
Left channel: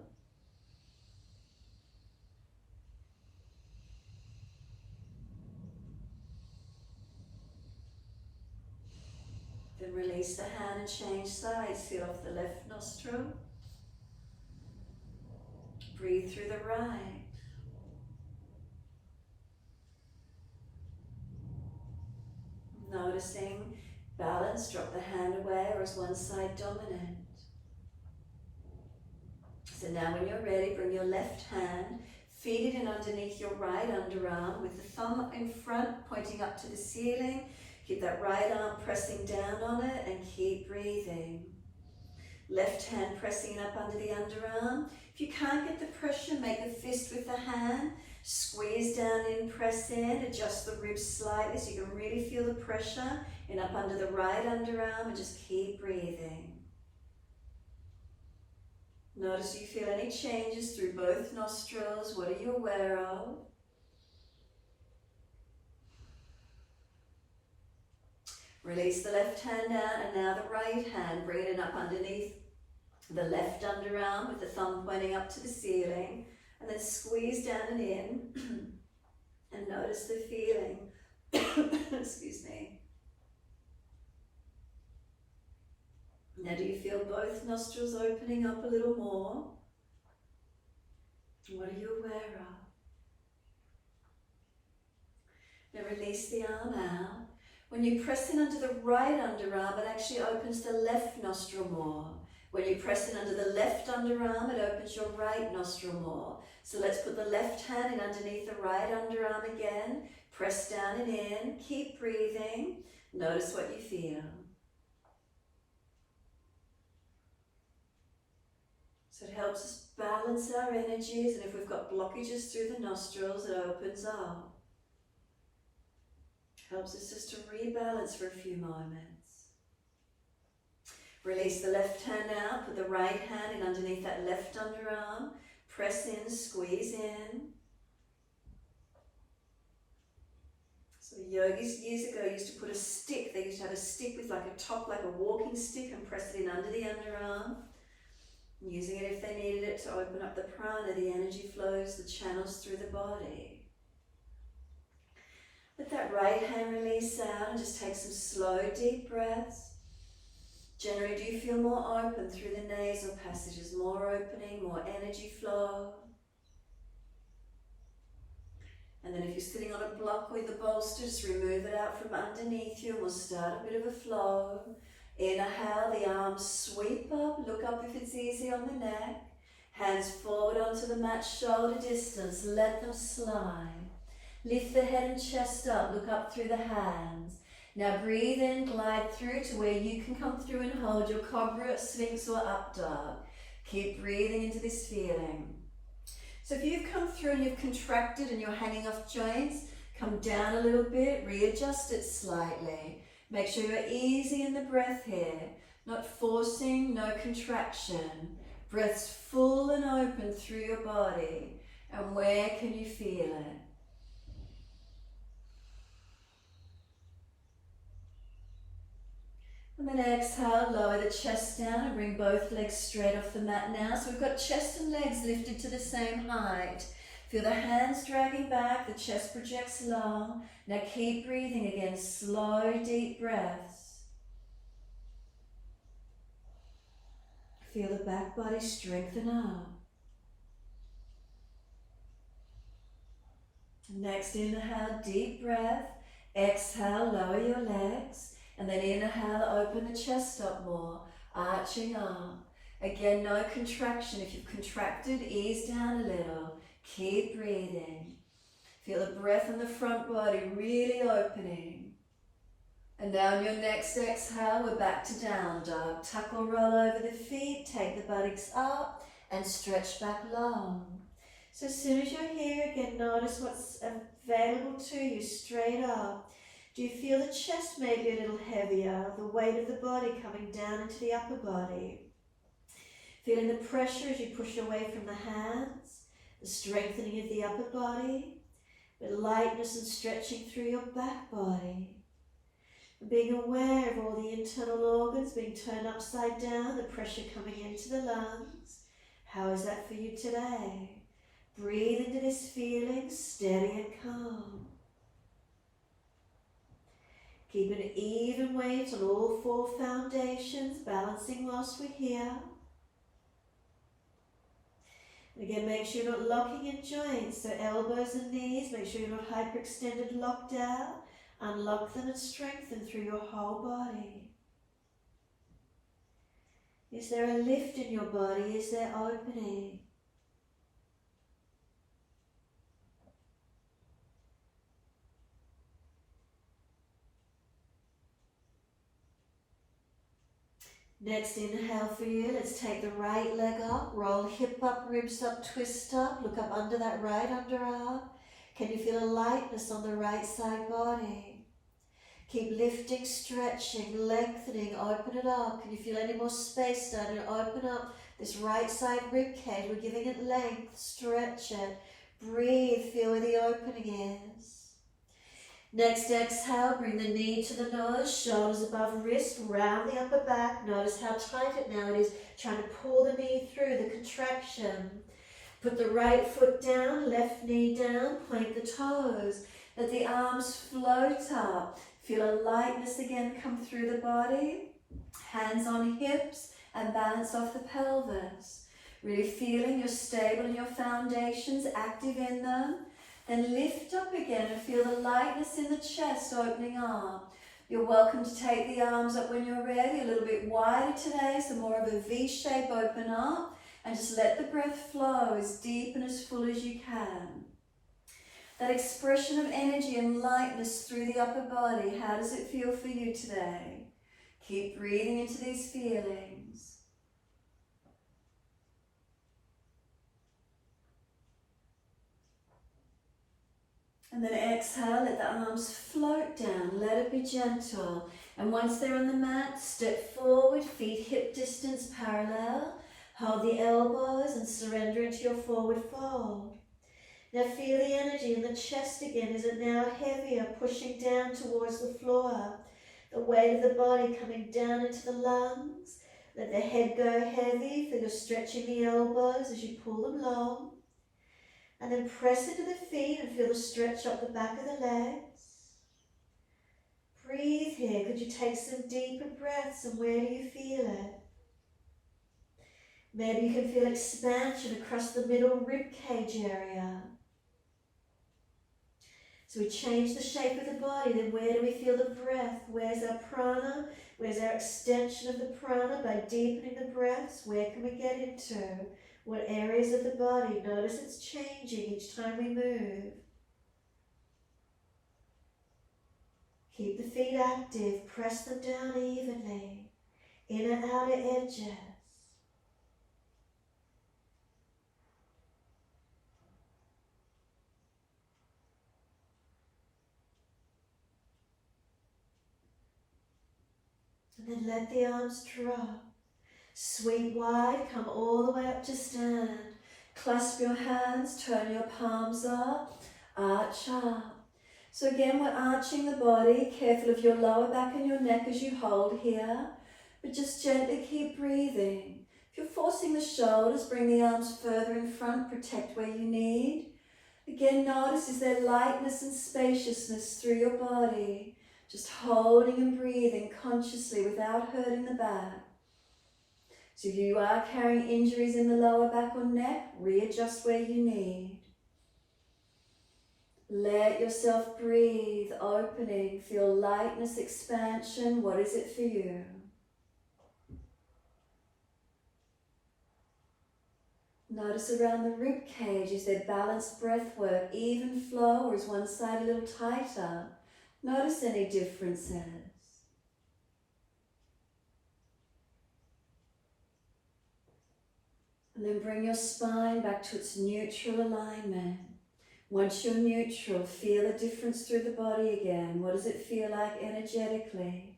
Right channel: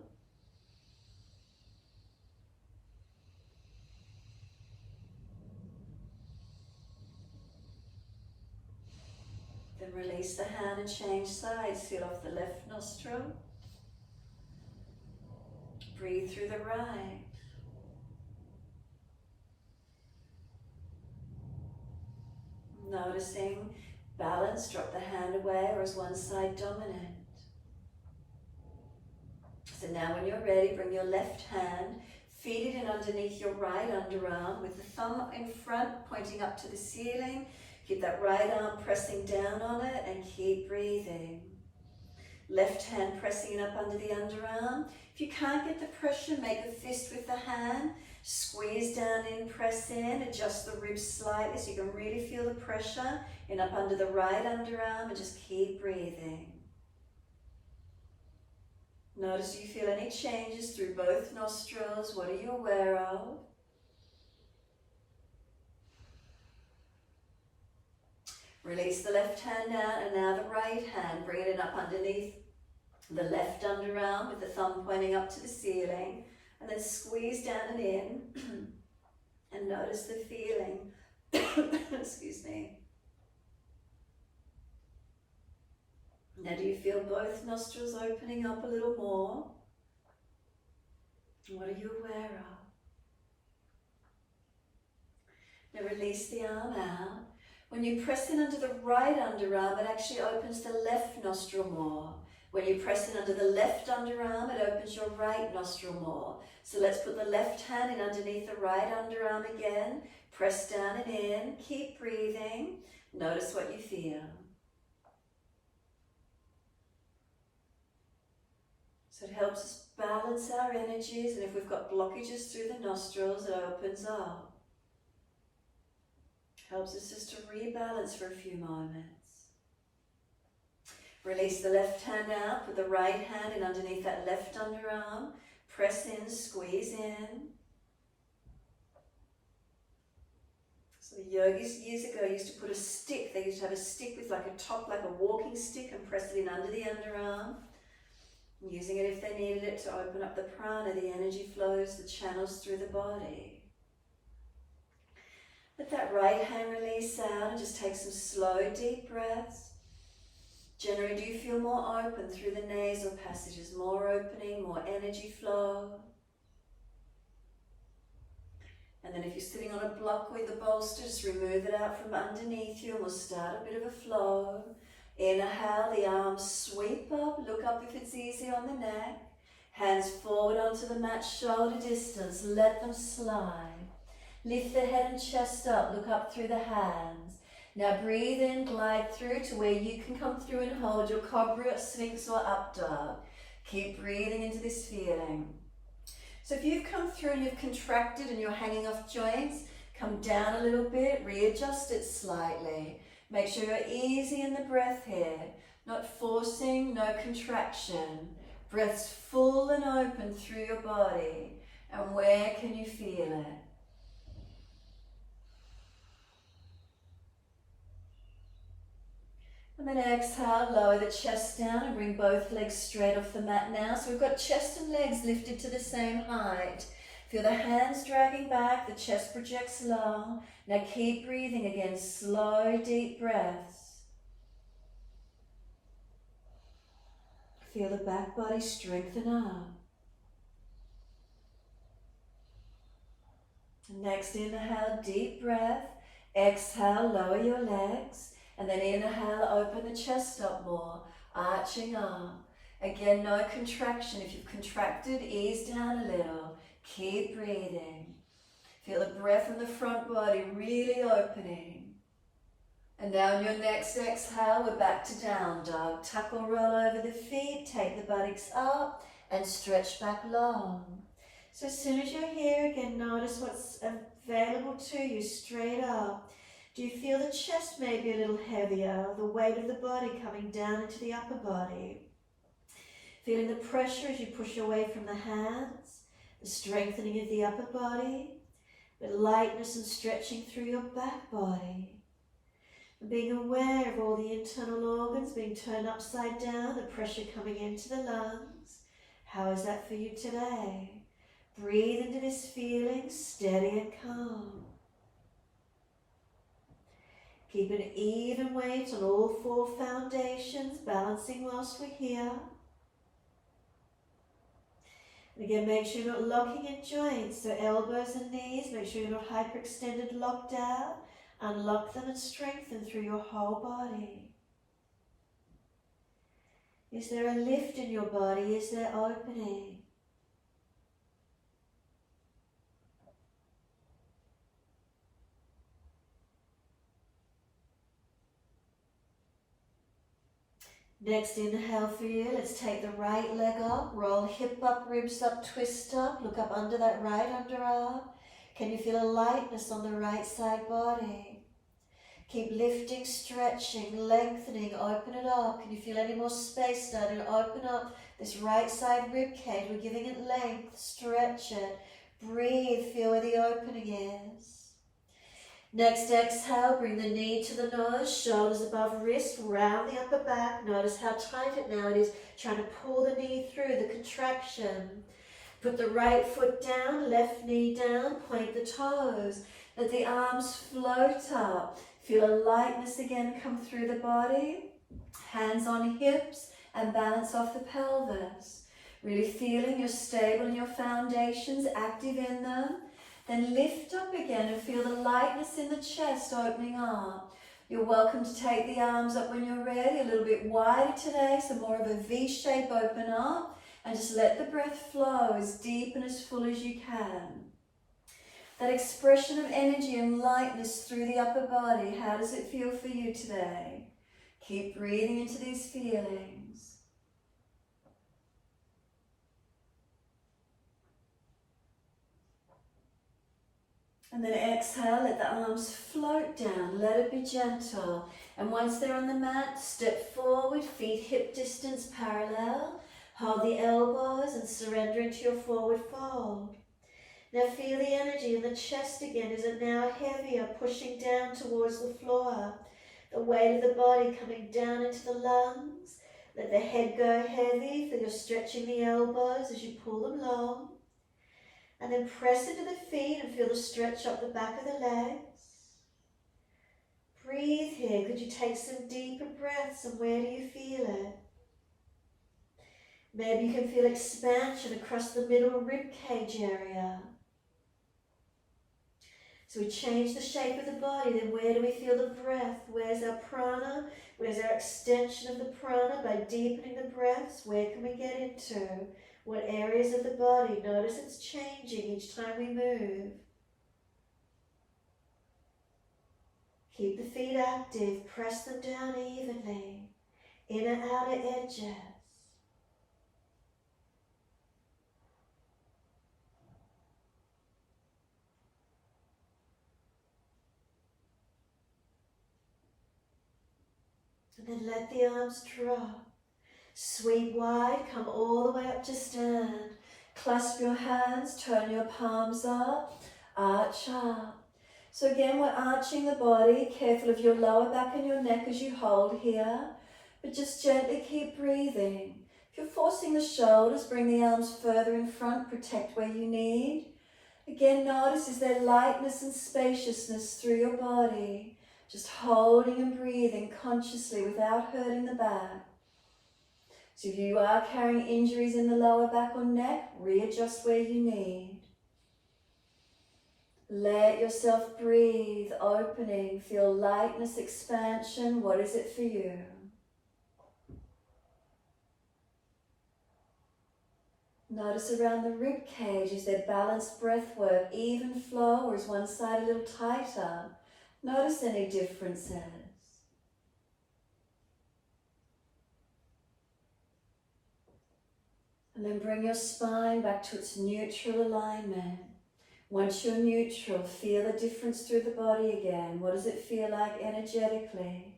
Then release the hand and change sides, seal off the left nostril. Breathe through the right. Noticing balance, drop the hand away, or is one side dominant? So now when you're ready, bring your left hand, feed it in underneath your right underarm with the thumb in front, pointing up to the ceiling. Keep that right arm pressing down on it and keep breathing. Left hand pressing it up under the underarm. If you can't get the pressure, make a fist with the hand. Squeeze down in, press in, adjust the ribs slightly so you can really feel the pressure in up under the right underarm, and just keep breathing. Notice if you feel any changes through both nostrils. What are you aware of? Release the left hand down, and now the right hand, bring it up underneath the left underarm with the thumb pointing up to the ceiling. And then squeeze down and in, and notice the feeling. Excuse me. Now do you feel both nostrils opening up a little more? What are you aware of? Now release the arm out. When you press in under the right underarm, it actually opens the left nostril more. When you press in under the left underarm, it opens your right nostril more. So let's put the left hand in underneath the right underarm again. Press down and in, keep breathing. Notice what you feel. So it helps us balance our energies, and if we've got blockages through the nostrils, it opens up. Helps us just to rebalance for a few moments. Release the left hand out, put the right hand in underneath that left underarm. Press in, squeeze in. So the yogis years ago used to put a stick, they used to have a stick with like a top, like a walking stick, and press it in under the underarm. Using it if they needed it to open up the prana, the energy flows, the channels through the body. Let that right hand release out and just take some slow, deep breaths. Generally, do you feel more open through the nasal passages? More opening, more energy flow. And then if you're sitting on a block with the bolster, just remove it out from underneath you and we'll start a bit of a flow. Inhale, the arms sweep up, look up if it's easy on the neck. Hands forward onto the mat, shoulder distance, let them slide. Lift the head and chest up, look up through the hands. Now breathe in, glide through to where you can come through and hold your cobra, sphinx or up dog. Keep breathing into this feeling. So if you've come through and you've contracted and you're hanging off joints, come down a little bit, readjust it slightly. Make sure you're easy in the breath here, not forcing, no contraction. Breath's full and open through your body. And where can you feel it? And then exhale, lower the chest down and bring both legs straight off the mat now. So we've got chest and legs lifted to the same height. Feel the hands dragging back, the chest projects long. Now keep breathing again, slow, deep breaths. Feel the back body strengthen up. Next, inhale, deep breath. Exhale, lower your legs. And then inhale, open the chest up more, arching up. Again, no contraction. If you've contracted, ease down a little. Keep breathing. Feel the breath in the front body really opening. And now on your next exhale, we're back to down dog. Tuck or roll over the feet, take the buttocks up and stretch back long. So as soon as you're here, again, notice what's available to you, straight up. Do you feel the chest maybe a little heavier, the weight of the body coming down into the upper body? Feeling the pressure as you push away from the hands, the strengthening of the upper body, the lightness and stretching through your back body. And being aware of all the internal organs being turned upside down, the pressure coming into the lungs. How is that for you today? Breathe into this feeling, steady and calm. Keep an even weight on all four foundations, balancing whilst we're here. And again, make sure you're not locking in joints, so elbows and knees, make sure you're not hyperextended, locked out. Unlock them and strengthen through your whole body. Is there a lift in your body? Is there opening? Next inhale for you, let's take the right leg up, roll hip up, ribs up, twist up, look up under that right underarm. Can you feel a lightness on the right side body? Keep lifting, stretching, lengthening, open it up. Can you feel any more space starting to open up this right side rib cage? We're giving it length, stretch it, breathe, feel where the opening is. Next exhale, bring the knee to the nose, shoulders above wrist, round the upper back. Notice how tight it now it is, trying to pull the knee through the contraction. Put the right foot down, left knee down, point the toes. Let the arms float up. Feel a lightness again come through the body. Hands on hips and balance off the pelvis. Really feeling you're stable in your foundations, active in them. Then lift up again and feel the lightness in the chest opening up. You're welcome to take the arms up when you're ready, a little bit wider today, so more of a V shape, open up, and just let the breath flow as deep and as full as you can. That expression of energy and lightness through the upper body. How does it feel for you today? Keep breathing into these feelings. And then exhale, let the arms float down, let it be gentle. And once they're on the mat, step forward, feet hip distance parallel. Hold the elbows and surrender into your forward fold. Now feel the energy in the chest again. Is it now heavier, pushing down towards the floor? The weight of the body coming down into the lungs. Let the head go heavy. Feel you're stretching the elbows as you pull them long. And then press into the feet and feel the stretch up the back of the legs. Breathe here. Could you take some deeper breaths, and where do you feel it? Maybe you can feel expansion across the middle rib cage area. So we change the shape of the body, then where do we feel the breath? Where's our prana? Where's our extension of the prana? By deepening the breaths, where can we get into? What areas of the body? Notice it's changing each time we move. Keep the feet active, press them down evenly, inner outer edges. And then let the arms drop. Sweep wide, come all the way up to stand. Clasp your hands, turn your palms up, arch up. So again, we're arching the body, careful of your lower back and your neck as you hold here, but just gently keep breathing. If you're forcing the shoulders, bring the arms further in front, protect where you need. Again, notice, is there lightness and spaciousness through your body? Just holding and breathing consciously without hurting the back. So if you are carrying injuries in the lower back or neck, readjust where you need. Let yourself breathe, opening, feel lightness, expansion. What is it for you? Notice around the rib cage, is there balanced breath work, even flow, or is one side a little tighter? Notice any differences. And then bring your spine back to its neutral alignment. Once you're neutral, feel a difference through the body again. What does it feel like energetically?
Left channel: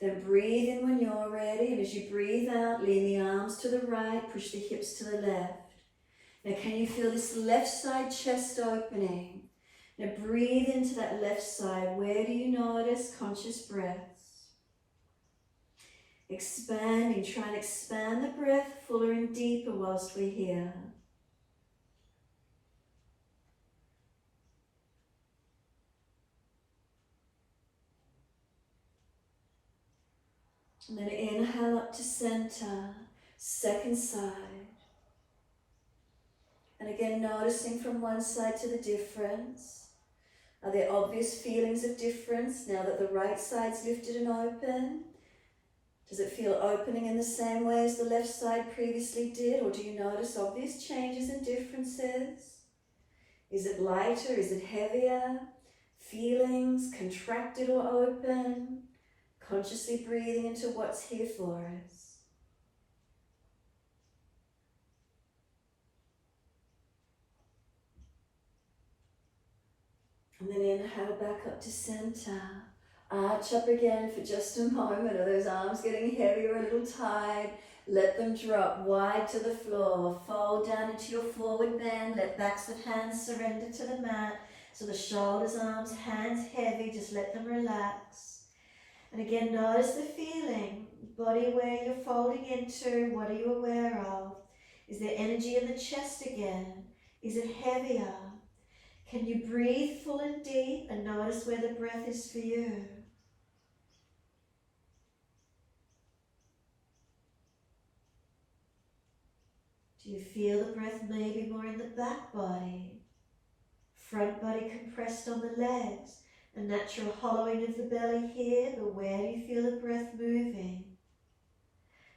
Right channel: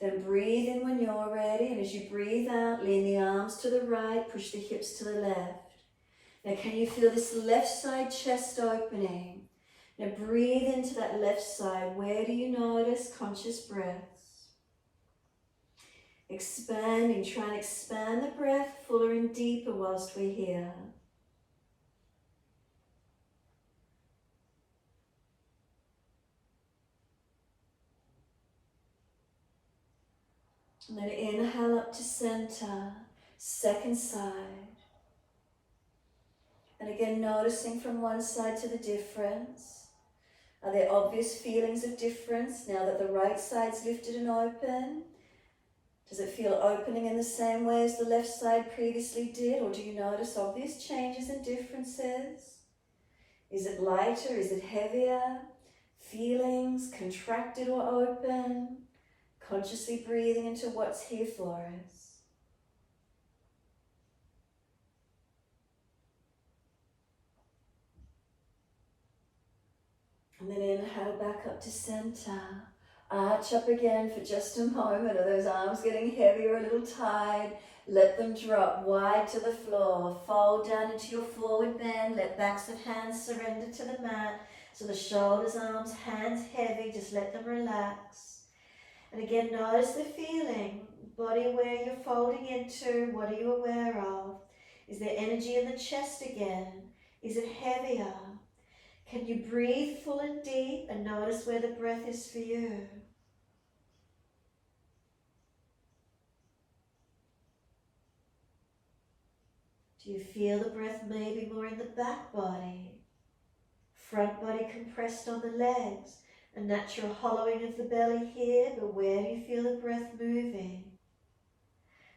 Then breathe in when you're ready, and as you breathe out, lean the arms to the right, push the hips to the left. Now can you feel this left side chest opening? Now breathe into that left side. Where do you notice conscious breaths? Expanding, try and expand the breath fuller and deeper whilst we're here. And then inhale up to center, second side. And again, noticing from one side to the difference. Are there obvious feelings of difference now that the right side's lifted and open? Does it feel opening in the same way as the left side previously did, or do you notice obvious changes and differences? Is it lighter? Is it heavier? Feelings contracted or open? Consciously breathing into what's here for us. And then inhale back up to center. Arch up again for just a moment. Are those arms getting heavy or a little tired? Let them drop wide to the floor. Fold down into your forward bend. Let backs of hands surrender to the mat. So the shoulders, arms, hands heavy. Just let them relax. And again, notice the feeling. Body where you're folding into. What are you aware of? Is there energy in the chest again? Is it heavier? Can you breathe full and deep and notice where the breath is for you? Do you feel the breath maybe more in the back body? Front body compressed on the legs. A natural hollowing of the belly here, but where do you feel the breath moving?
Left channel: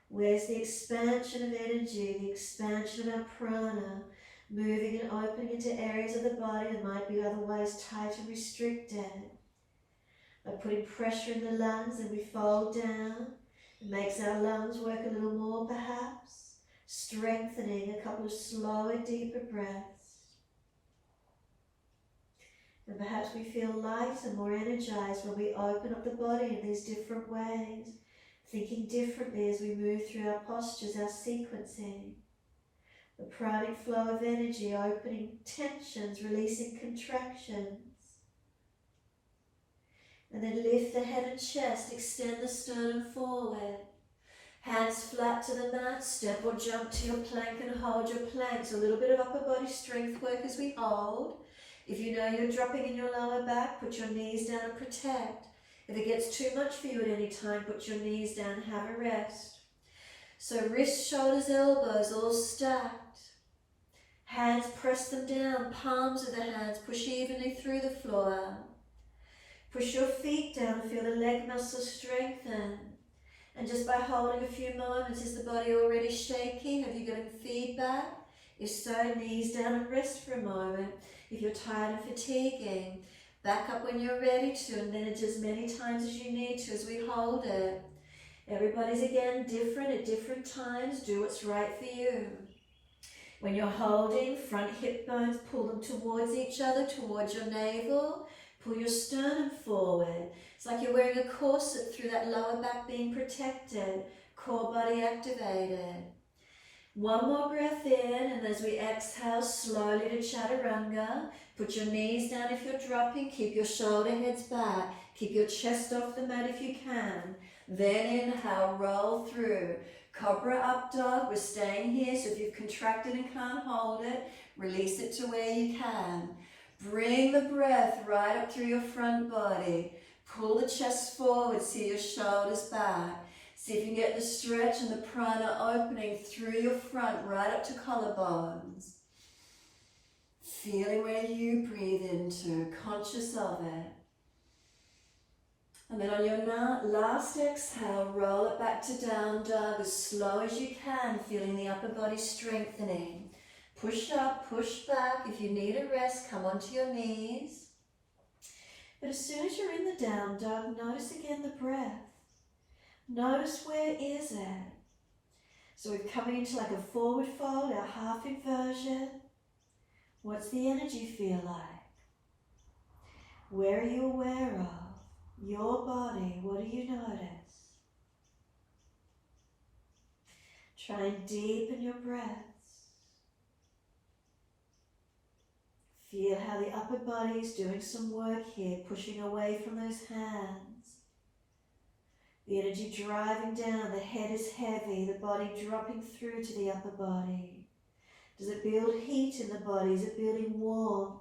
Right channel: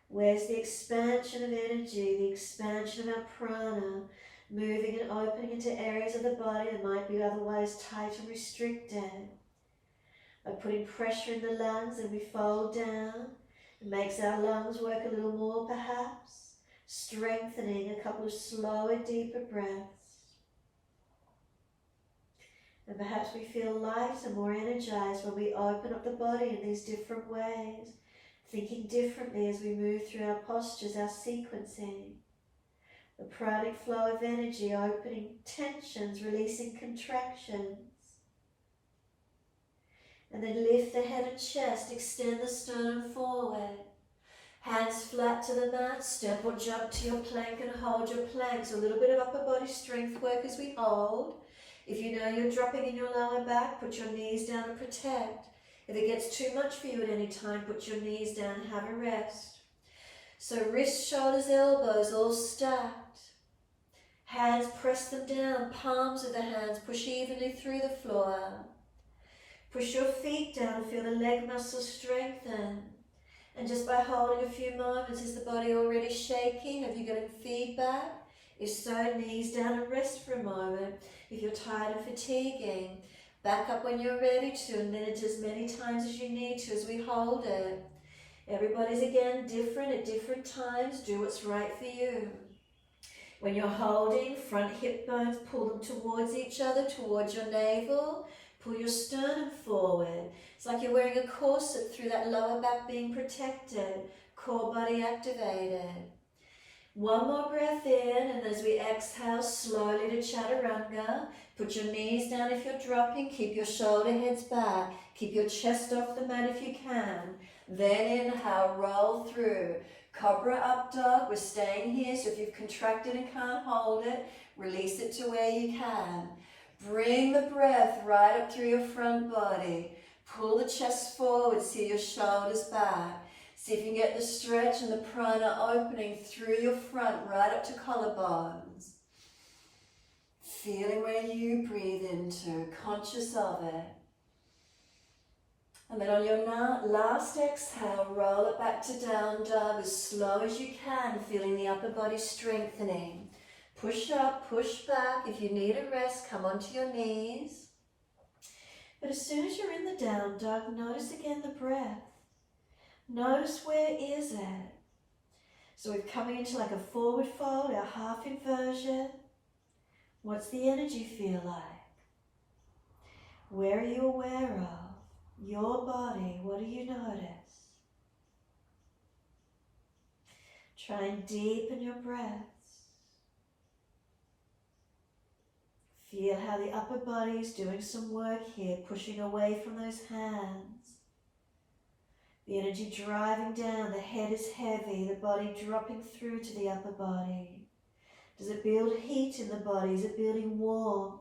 Where's the expansion of energy, the expansion of our prana? moving and opening into areas of the body that might be otherwise tight and restricted. By putting pressure in the lungs and we fold down, it makes our lungs work a little more perhaps, strengthening a couple of slower, deeper breaths. And perhaps we feel lighter, more energized when we open up the body in these different ways, thinking differently as we move through our postures, our sequencing. The pranic flow of energy, opening tensions, releasing contractions. And then lift the head and chest, extend the sternum forward. Hands flat to the mat, step or jump to your plank and hold your plank. So a little bit of upper body strength work as we hold. If you know you're dropping in your lower back, put your knees down and protect. If it gets too much for you at any time, put your knees down and have a rest. So wrists, shoulders, elbows all stacked. Hands, press them down, palms of the hands, push evenly through the floor. Push your feet down and feel the leg muscles strengthen. And just by holding a few moments, is the body already shaking? Have you got any feedback? If so, knees down and rest for a moment. If you're tired and fatiguing, back up when you're ready to, and then as many times as you need to as we hold it. Everybody's again different at different times. Do what's right for you. When you're holding, front hip bones, pull them towards each other, towards your navel. Pull your sternum forward. It's like you're wearing a corset through that lower back being protected. Core body activated. One more breath in, and as we exhale slowly to chaturanga, put your knees down if you're dropping. Keep your shoulder heads back. Keep your chest off the mat if you can. Then inhale, roll through. Cobra up dog. We're staying here, so if you've contracted and can't hold it, release it to where you can. Bring the breath right up through your front body. Pull the chest forward, see your shoulders back. See if you can get the stretch and the prana opening through your front, right up to collarbones. Feeling where you breathe into, conscious of it. And then on your last exhale, roll it back to down dog as slow as you can, feeling the upper body strengthening. Push up, push back. If you need a rest, come onto your knees. But as soon as you're in the down dog, notice again the breath. Notice where is it. So we're coming into like a forward fold, our half inversion. What's the energy feel like? Where are you aware of? Your body, what do you notice? Try and deepen your breath. Feel how the upper body is doing some work here, pushing away from those hands. The energy driving down, the head is heavy, the body dropping through to the upper body. Does it build heat in the body? Is it building warmth?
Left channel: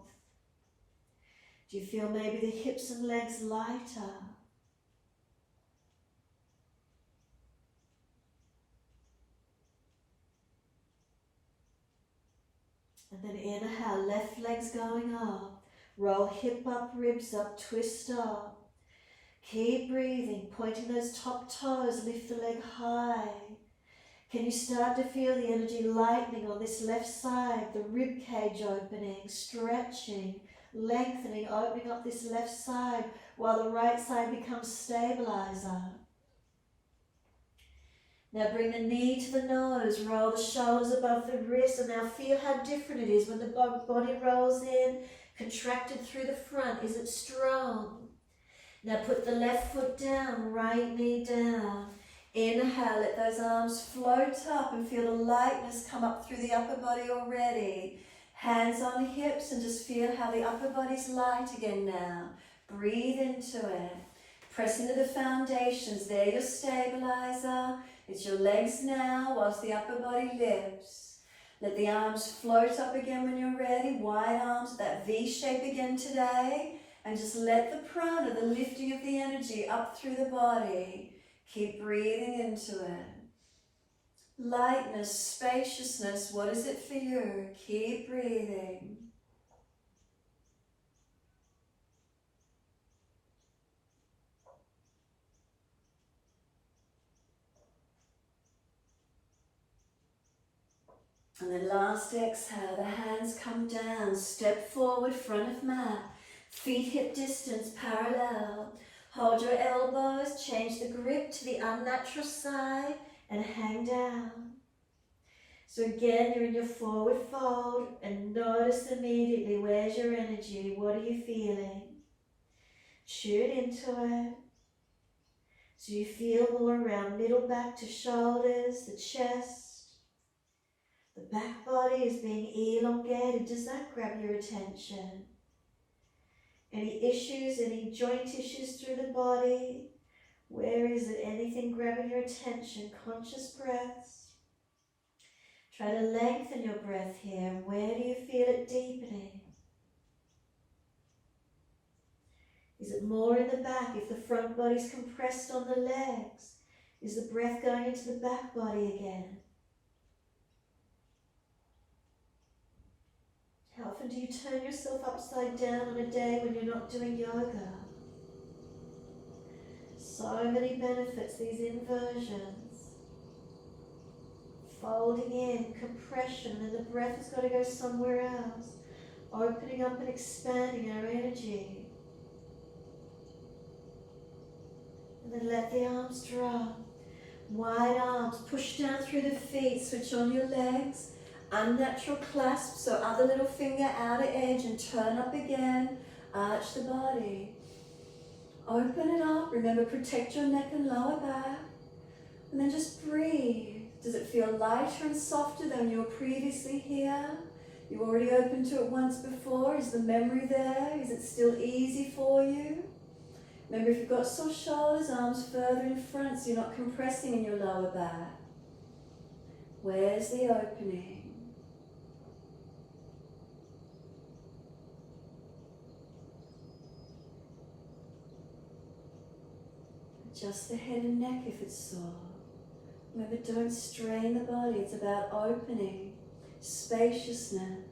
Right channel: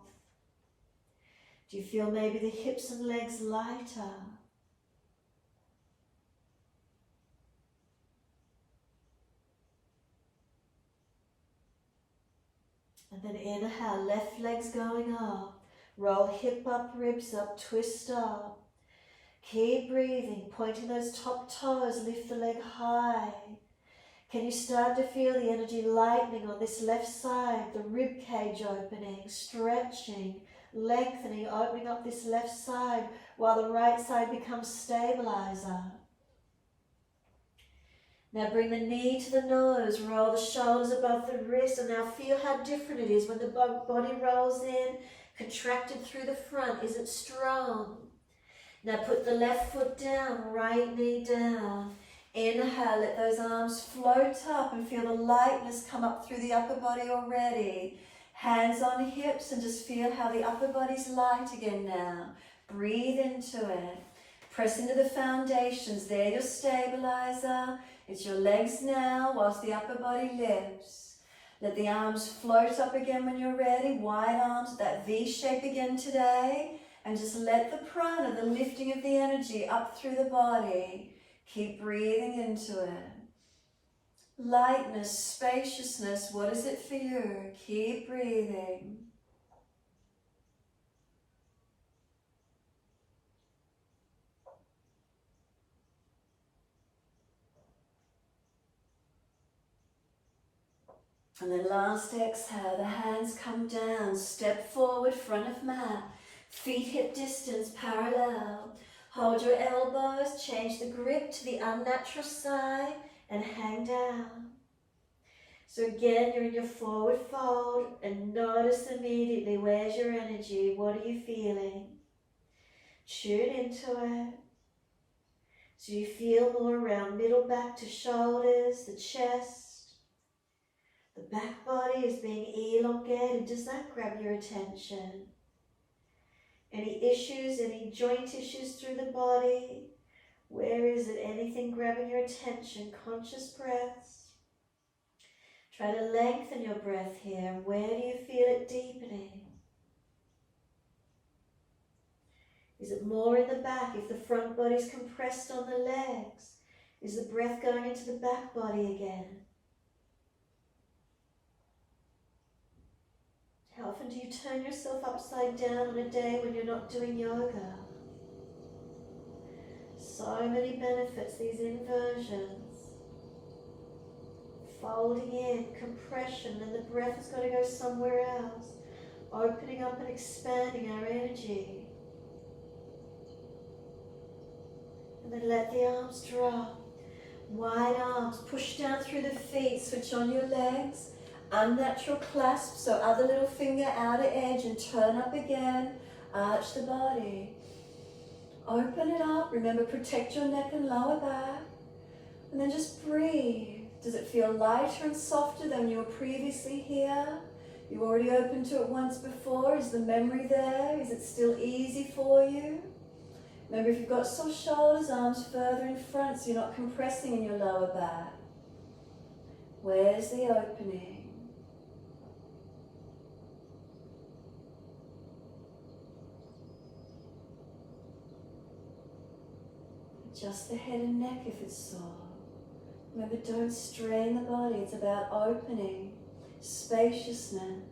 Do you feel maybe the hips and legs lighter? And then inhale, left leg's going up. Roll hip up, ribs up, twist up. Keep breathing, pointing those top toes, lift the leg high. Can you start to feel the energy lightening on this left side, the rib cage opening, stretching, lengthening, opening up this left side while the right side becomes stabilizer. Now bring the knee to the nose, roll the shoulders above the wrist, and now feel how different it is when the body rolls in, contracted through the front. Is it strong? Now put the left foot down, right knee down. Inhale, let those arms float up and feel the lightness come up through the upper body already. Hands on hips and just feel how the upper body's light again now. Breathe into it. Press into the foundations. They're your stabilizer. It's your legs now whilst the upper body lifts. Let the arms float up again when you're ready. Wide arms, that V shape again today. And just let the prana, the lifting of the energy up through the body. Keep breathing into it. Lightness, spaciousness, what is it for you? Keep breathing. And then last exhale, the hands come down, step forward, front of mat, feet hip distance parallel. Hold your elbows, change the grip to the unnatural side and hang down. So again, you're in your forward fold and notice immediately, where's your energy? What are you feeling? Tune into it. So you feel more around middle back to shoulders, the chest. The back body is being elongated. Does that grab your attention? Any issues, any joint issues through the body? Where is it? Anything grabbing your attention? Conscious breaths. Try to lengthen your breath here. Where do you feel it deepening? Is it more in the back? If the front body's compressed on the legs, is the breath going into the back body again? How often do you turn yourself upside down on a day when you're not doing yoga? So many benefits, these inversions. Folding in, compression, and the breath has got to go somewhere else. Opening up and expanding our energy. And then let the arms drop. Wide arms, push down through the feet, switch on your legs. Unnatural clasp, so other little finger outer edge and turn up again. Arch the body. Open it up. Remember, protect your neck and lower back. And then just breathe. Does it feel lighter and softer than you were previously here? You already opened to it once before. Is the memory there? Is it still easy for you? Remember, if you've got sore shoulders, arms further in front so you're not compressing in your lower back. Where's the opening? Adjust the head and neck if it's sore. Remember, don't strain the body. It's about opening, spaciousness.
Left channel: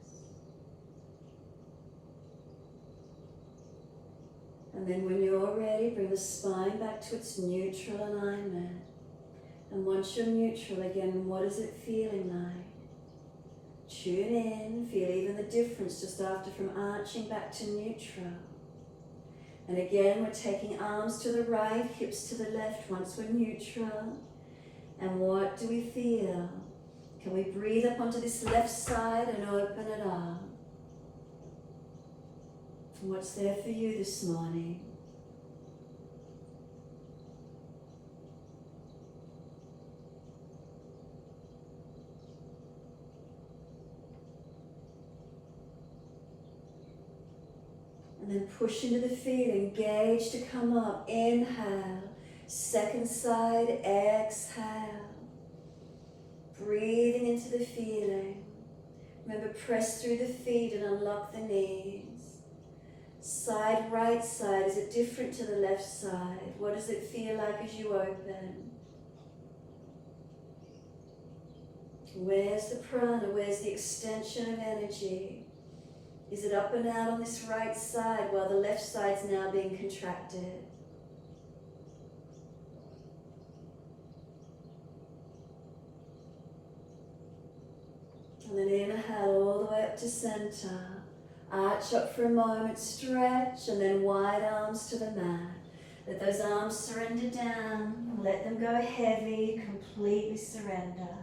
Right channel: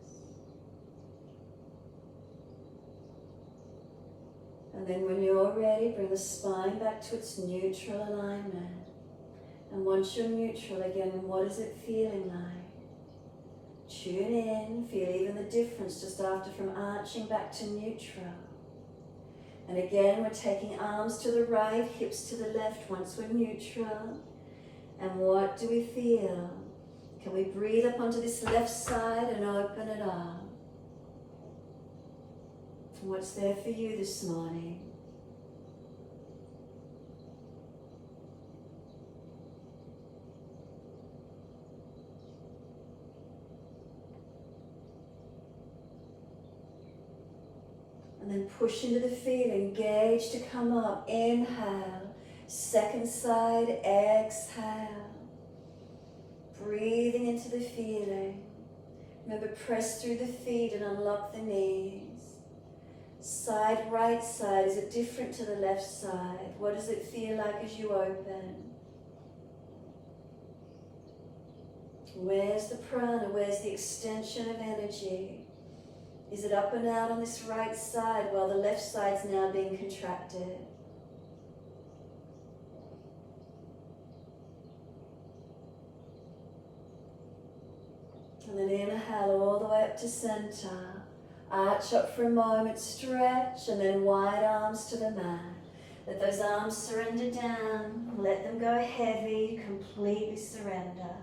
And then when you're ready, bring the spine back to its neutral alignment. And once you're neutral again, what is it feeling like? Tune in, feel even the difference just after from arching back to neutral. And again, we're taking arms to the right, hips to the left once we're neutral. And what do we feel? Can we breathe up onto this left side and open it up? And what's there for you this morning? And then push into the feet, engage to come up. Inhale, second side, exhale. Breathing into the feeling. Remember, press through the feet and unlock the knees. Side, right side, is it different to the left side? What does it feel like as you open? Where's the prana? Where's the extension of energy? Is it up and out on this right side while the left side's now being contracted? And then inhale all the way up to center. Arch up for a moment, stretch, and then wide arms to the mat. Let those arms surrender down. Let them go heavy, completely surrender.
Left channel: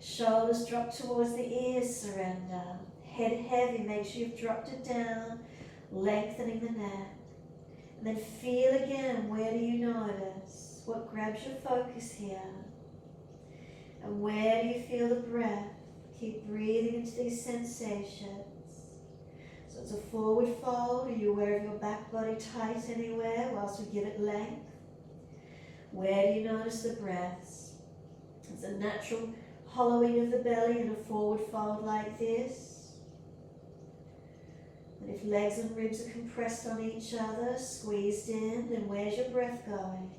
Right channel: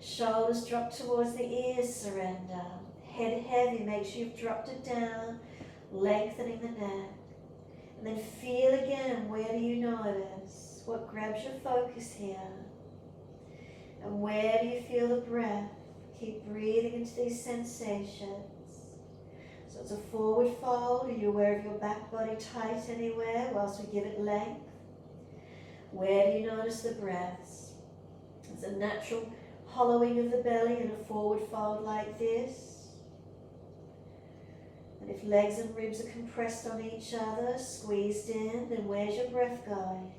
Shoulders drop towards the ears, surrender. Head heavy, make sure you've dropped it down, lengthening the neck. And then feel again, where do you notice? What grabs your focus here? And where do you feel the breath? Keep breathing into these sensations. So it's a forward fold. Are you aware of your back body tight anywhere whilst we give it length? Where do you notice the breaths? It's a natural hollowing of the belly in a forward fold like this. And if legs and ribs are compressed on each other, squeezed in, then where's your breath going?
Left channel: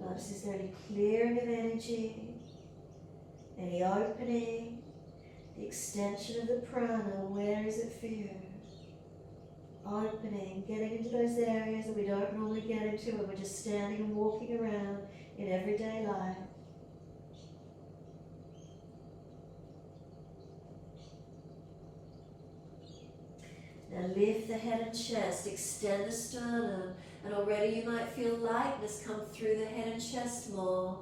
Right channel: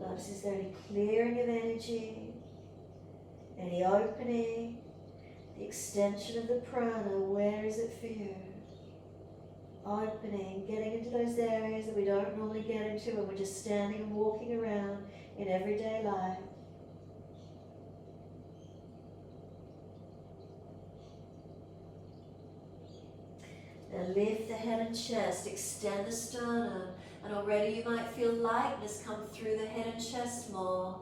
Notice, is there any clearing of energy, any opening, the extension of the prana? Where is it for you? opening, getting into those areas that we don't normally get into when we're just standing and walking around in everyday life. Now lift the head and chest, extend the sternum, and already you might feel lightness come through the head and chest more.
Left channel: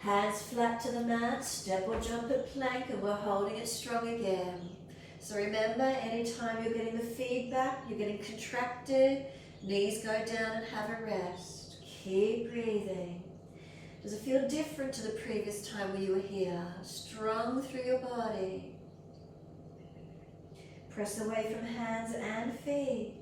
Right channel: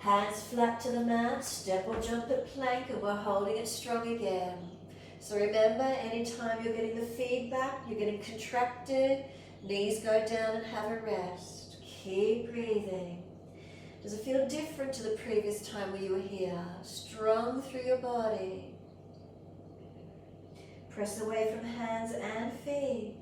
Hands flat to the mat, step or jump at plank, and we're holding it strong again. So remember, anytime you're getting the feedback, you're getting contracted, knees go down and have a rest. Keep breathing. Does it feel different to the previous time where you were here? Strong through your body. Press away from hands and feet.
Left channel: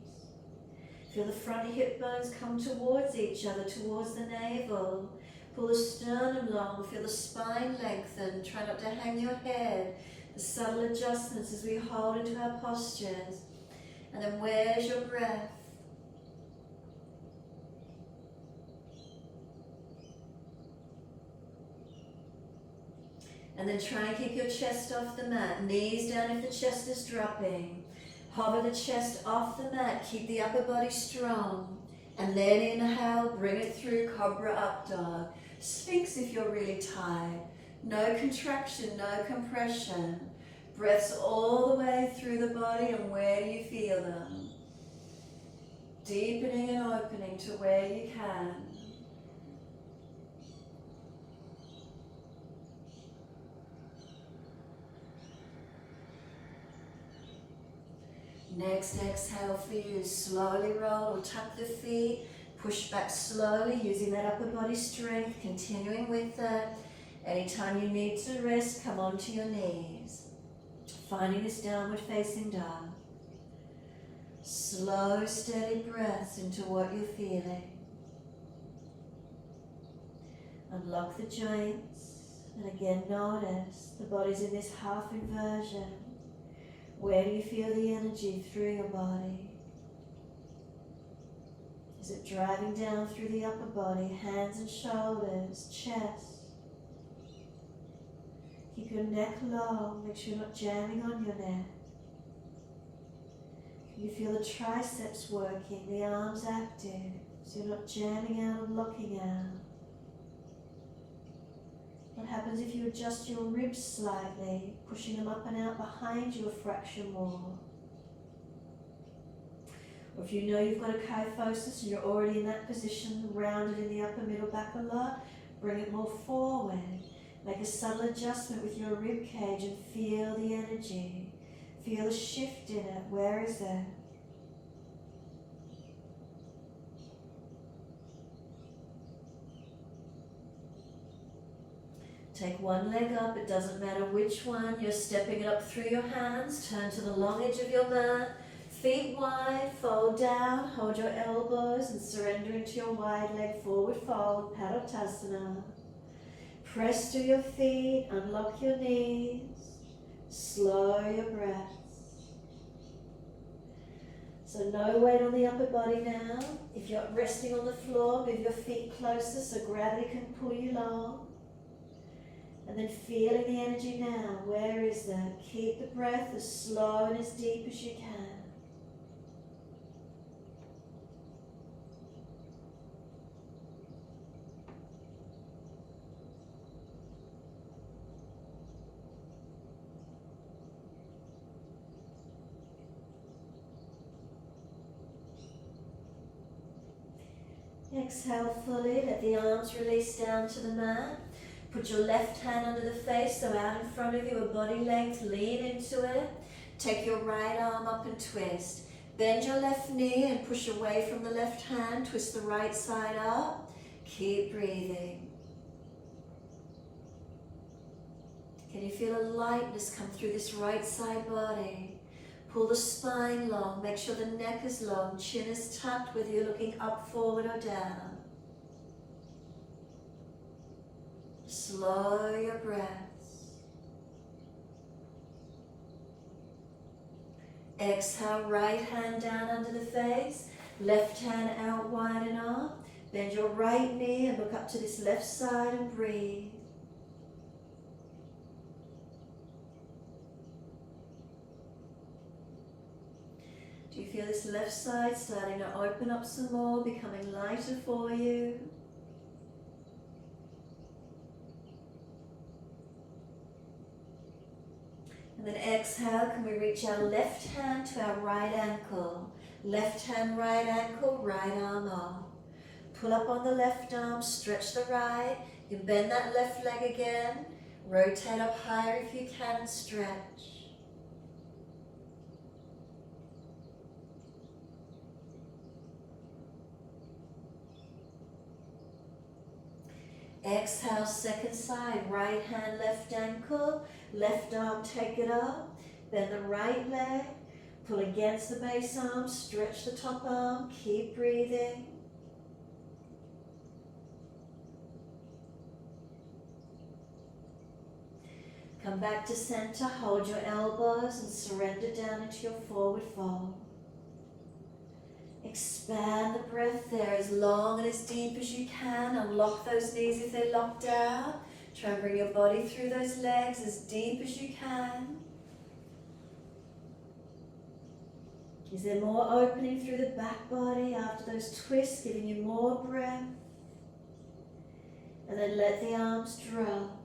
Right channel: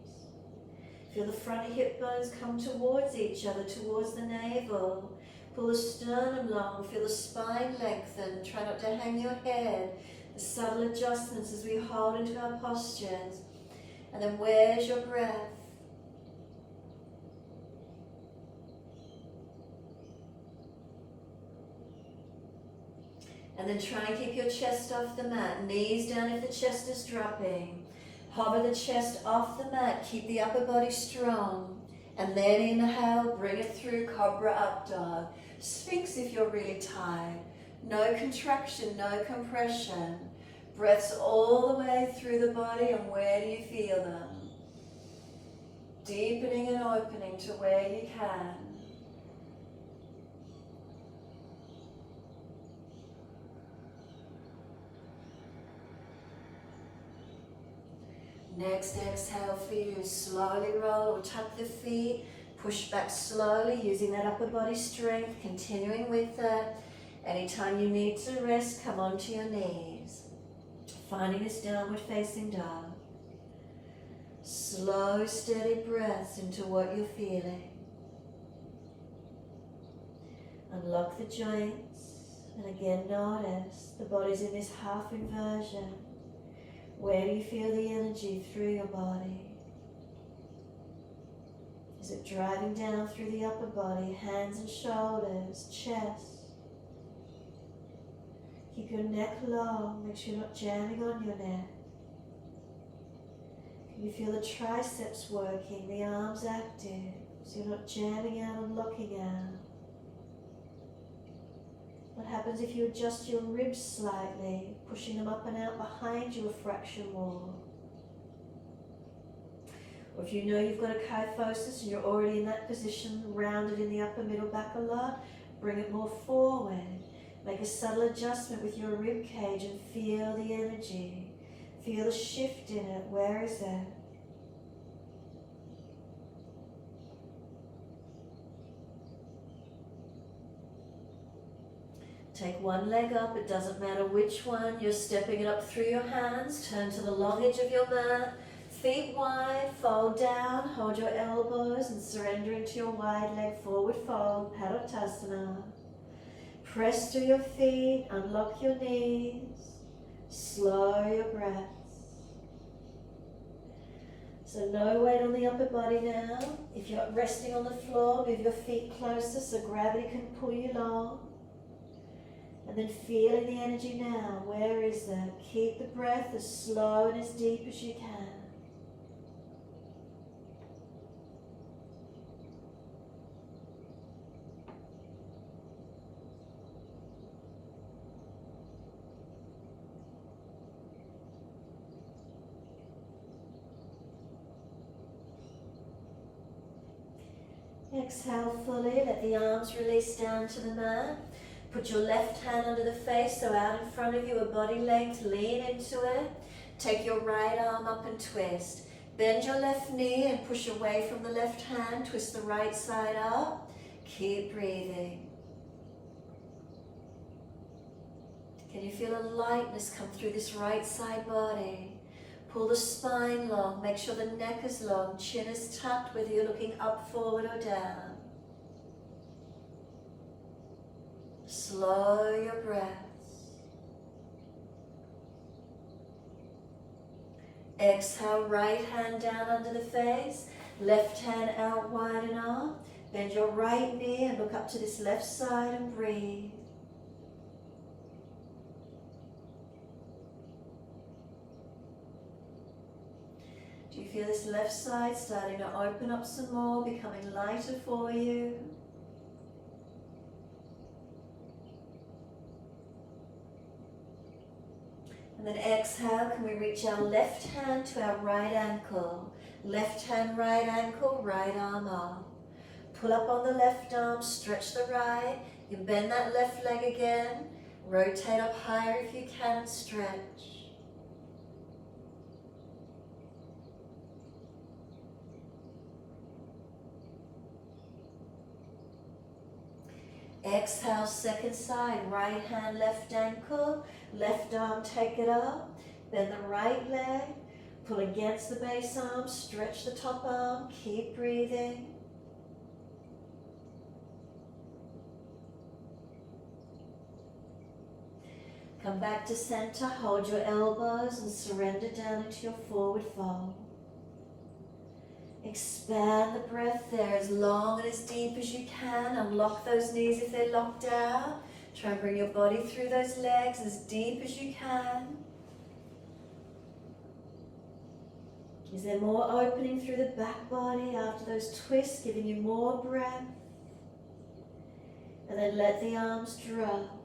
Feel the front hip bones come towards each other, towards the navel. Pull the sternum long, feel the spine lengthen. Try not to hang your head. The subtle adjustments as we hold into our postures. And then where's your breath? And then try and keep your chest off the mat. Knees down if the chest is dropping. Hover the chest off the mat. Keep the upper body strong. And then inhale, bring it through Cobra Up Dog. Sphinx if you're really tired. No contraction, no compression. Breaths all the way through the body, and where do you feel them? Deepening and opening to where you can. Next exhale for you, slowly roll or tuck the feet, push back slowly using that upper body strength, continuing with that. Anytime you need to rest, come onto your knees. Finding this downward facing dog. Slow, steady breaths into what you're feeling. Unlock the joints, and again notice the body's in this half inversion. Where do you feel the energy through your body? Is it driving down through the upper body, hands and shoulders, chest? Keep your neck long, make sure you're not jamming on your neck. Can you feel the triceps working, the arms active, so you're not jamming out and locking out? What happens if you adjust your ribs slightly, pushing them up and out behind you a fraction more? Or if you know you've got a kyphosis and you're already in that position, rounded in the upper middle back a lot, bring it more forward. Make a subtle adjustment with your rib cage and feel the energy. Feel a shift in it. Where is it? Take one leg up, it doesn't matter which one. You're stepping it up through your hands. Turn to the long edge of your mat. Feet wide, fold down, hold your elbows and surrender into your wide leg forward fold, Padottasana. Press through your feet, unlock your knees, slow your breaths. So no weight on the upper body now. If you're resting on the floor, move your feet closer so gravity can pull you long. And then feeling the energy now. Where is that? Keep the breath as slow and as deep as you can. Exhale fully, let the arms release down to the mat. Put your left hand under the face, so out in front of you, a body length, lean into it. Take your right arm up and twist. Bend your left knee and push away from the left hand, twist the right side up. Keep breathing. Can you feel a lightness come through this right side body? Pull the spine long, make sure the neck is long, chin is tucked, whether you're looking up, forward or down. Slow your breaths. Exhale, right hand down under the face, left hand out wide and up. Bend your right knee and look up to this left side and breathe. Do you feel this left side starting to open up some more, becoming lighter for you? And then exhale, can we reach our left hand to our right ankle? Left hand, right ankle, right arm up. Pull up on the left arm, stretch the right. You can bend that left leg again. Rotate up higher if you can and stretch. Exhale, second side, right hand, left ankle, left arm, take it up, bend the right leg, pull against the base arm, stretch the top arm, keep breathing. Come back to center, hold your elbows and surrender down into your forward fold. Expand the breath there as long and as deep as you can. Unlock those knees if they're locked out. Try and bring your body through those legs as deep as you can. Is there more opening through the back body after those twists, giving you more breath? And then let the arms drop.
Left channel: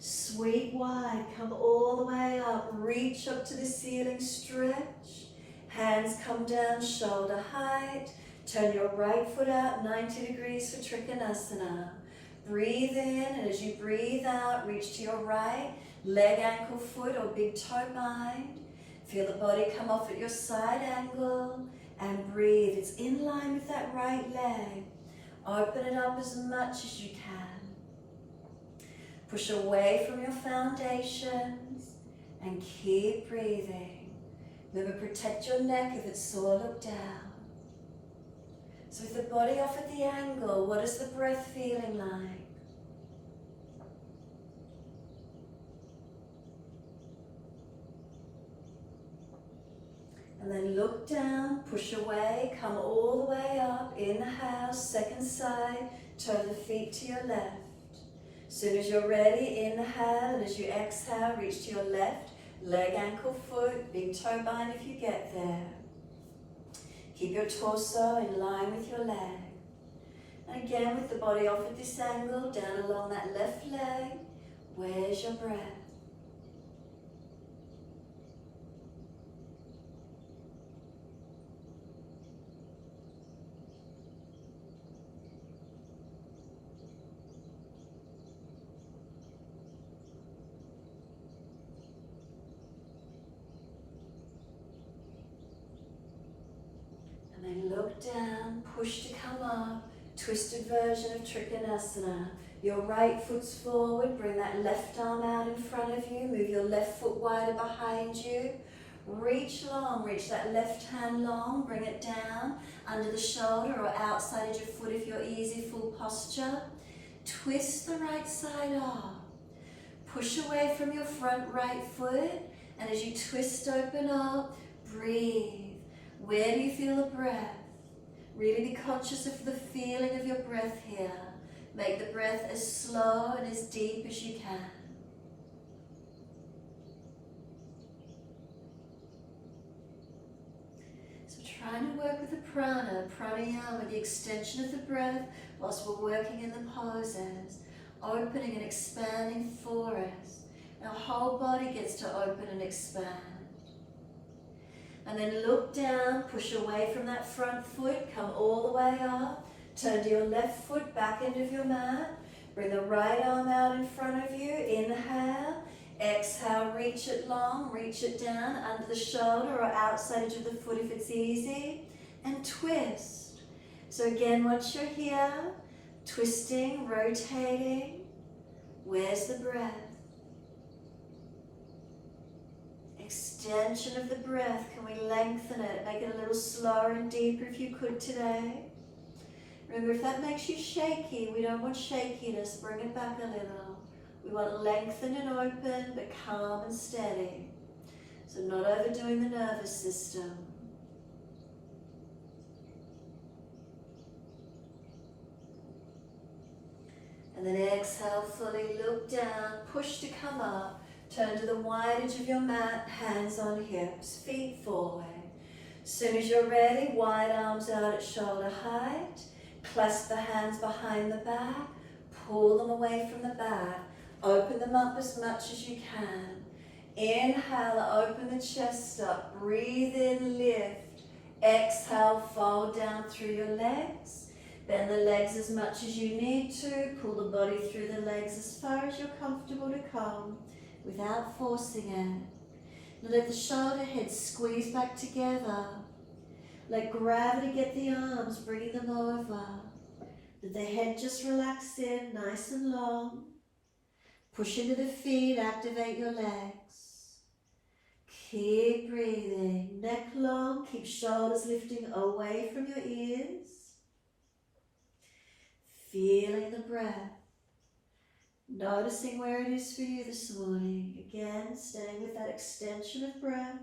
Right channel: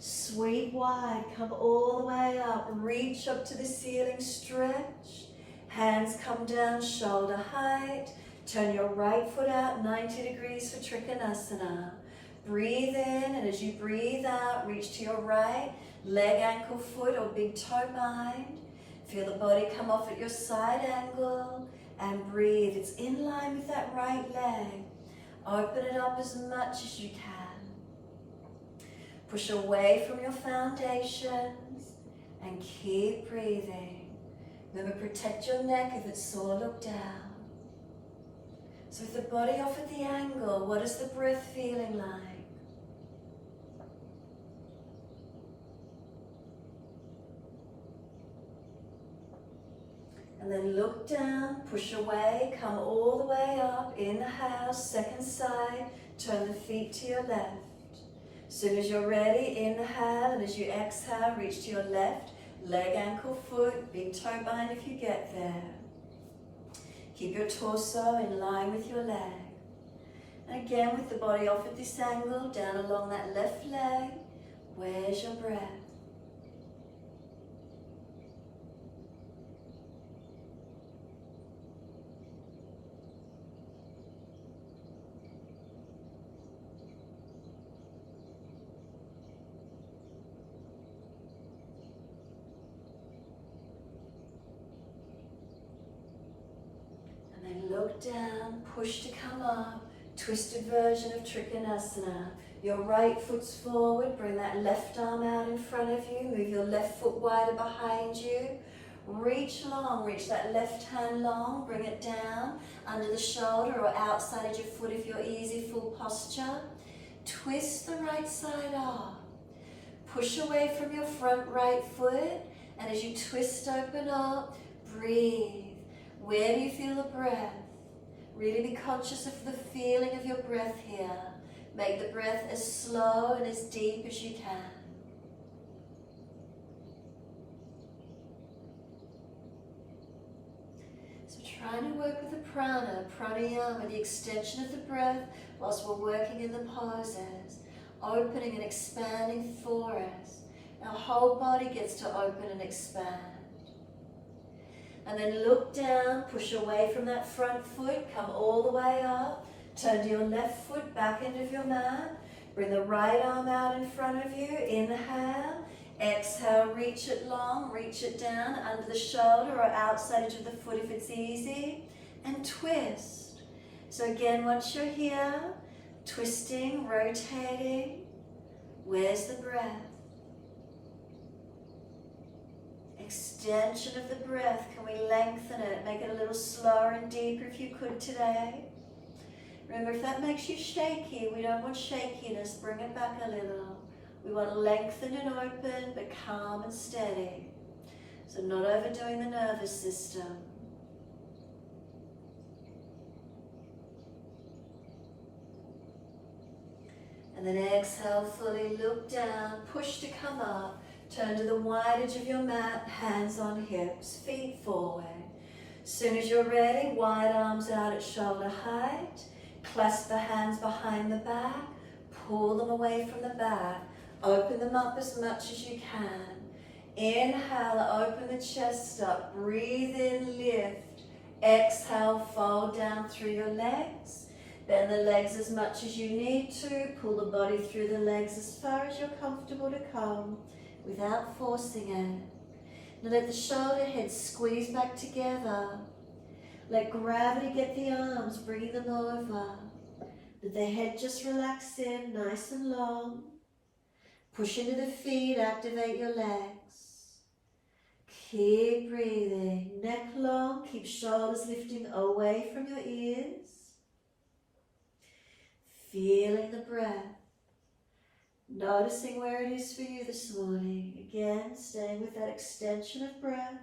Sweep wide, come all the way up. Reach up to the ceiling, stretch. Hands come down, shoulder height. Turn your right foot out 90 degrees for Trikonasana. Breathe in, and as you breathe out, reach to your right, leg, ankle, foot, or big toe bind. Feel the body come off at your side angle, and breathe. It's in line with that right leg. Open it up as much as you can. Push away from your foundations, and keep breathing. Remember, protect your neck if it's sore, look down. So with the body off at the angle, what is the breath feeling like? And then look down, push away, come all the way up, inhale, second side, turn the feet to your left. As soon as you're ready, inhale, and as you exhale, reach to your left. Leg, ankle, foot, big toe bind if you get there. Keep your torso in line with your leg. And again, with the body off at this angle, down along that left leg, where's your breath? Then look down, push to come up, twisted version of Trikonasana. Your right foot's forward, bring that left arm out in front of you, move your left foot wider behind you. Reach long, reach that left hand long, bring it down under the shoulder or outside of your foot if you're easy, full posture. Twist the right side up. Push away from your front right foot, and as you twist open up, breathe. Where do you feel the breath? Really be conscious of the feeling of your breath here. Make the breath as slow and as deep as you can. So trying to work with the prana, pranayama, the extension of the breath whilst we're working in the poses, opening and expanding for us. Our whole body gets to open and expand. And then look down, push away from that front foot, come all the way up, turn to your left foot back into your mat, bring the right arm out in front of you, inhale, exhale, reach it long, reach it down under the shoulder or outside edge of the foot if it's easy, and twist. So again, once you're here, twisting, rotating, where's the breath? Extension of the breath. Can we lengthen it? Make it a little slower and deeper if you could today. Remember, if that makes you shaky, we don't want shakiness. Bring it back a little. We want lengthen and open, but calm and steady. So not overdoing the nervous system. And then exhale fully, look down, push to come up. Turn to the wide edge of your mat, hands on hips, feet forward. As soon as you're ready, wide arms out at shoulder height. Clasp the hands behind the back. Pull them away from the back. Open them up as much as you can. Inhale, open the chest up. Breathe in, lift. Exhale, fold down through your legs. Bend the legs as much as you need to. Pull the body through the legs as far as you're comfortable to come without forcing it. Now let the shoulder heads squeeze back together. Let gravity get the arms, bring them over. Let the head just relax in, nice and long. Push into the feet, activate your legs. Keep breathing, neck long, keep shoulders lifting away from your ears. Feeling the breath. Noticing where it is for you this morning. Again, staying with that extension of breath.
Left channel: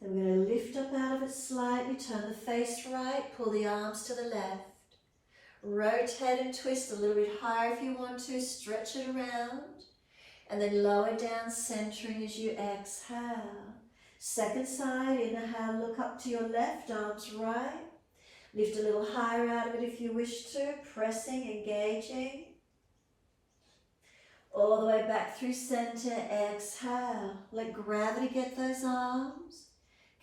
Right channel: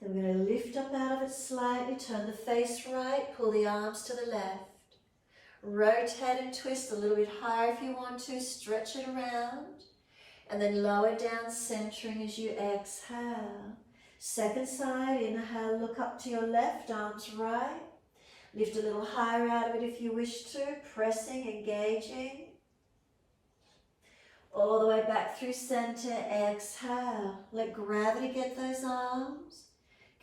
Then we're going to lift up out of it slightly, turn the face right, pull the arms to the left. Rotate and twist a little bit higher if you want to, stretch it around. And then lower down, centering as you exhale. Second side, inhale, look up to your left, arms right. Lift a little higher out of it if you wish to, pressing, engaging. All the way back through center, exhale. Let gravity get those arms.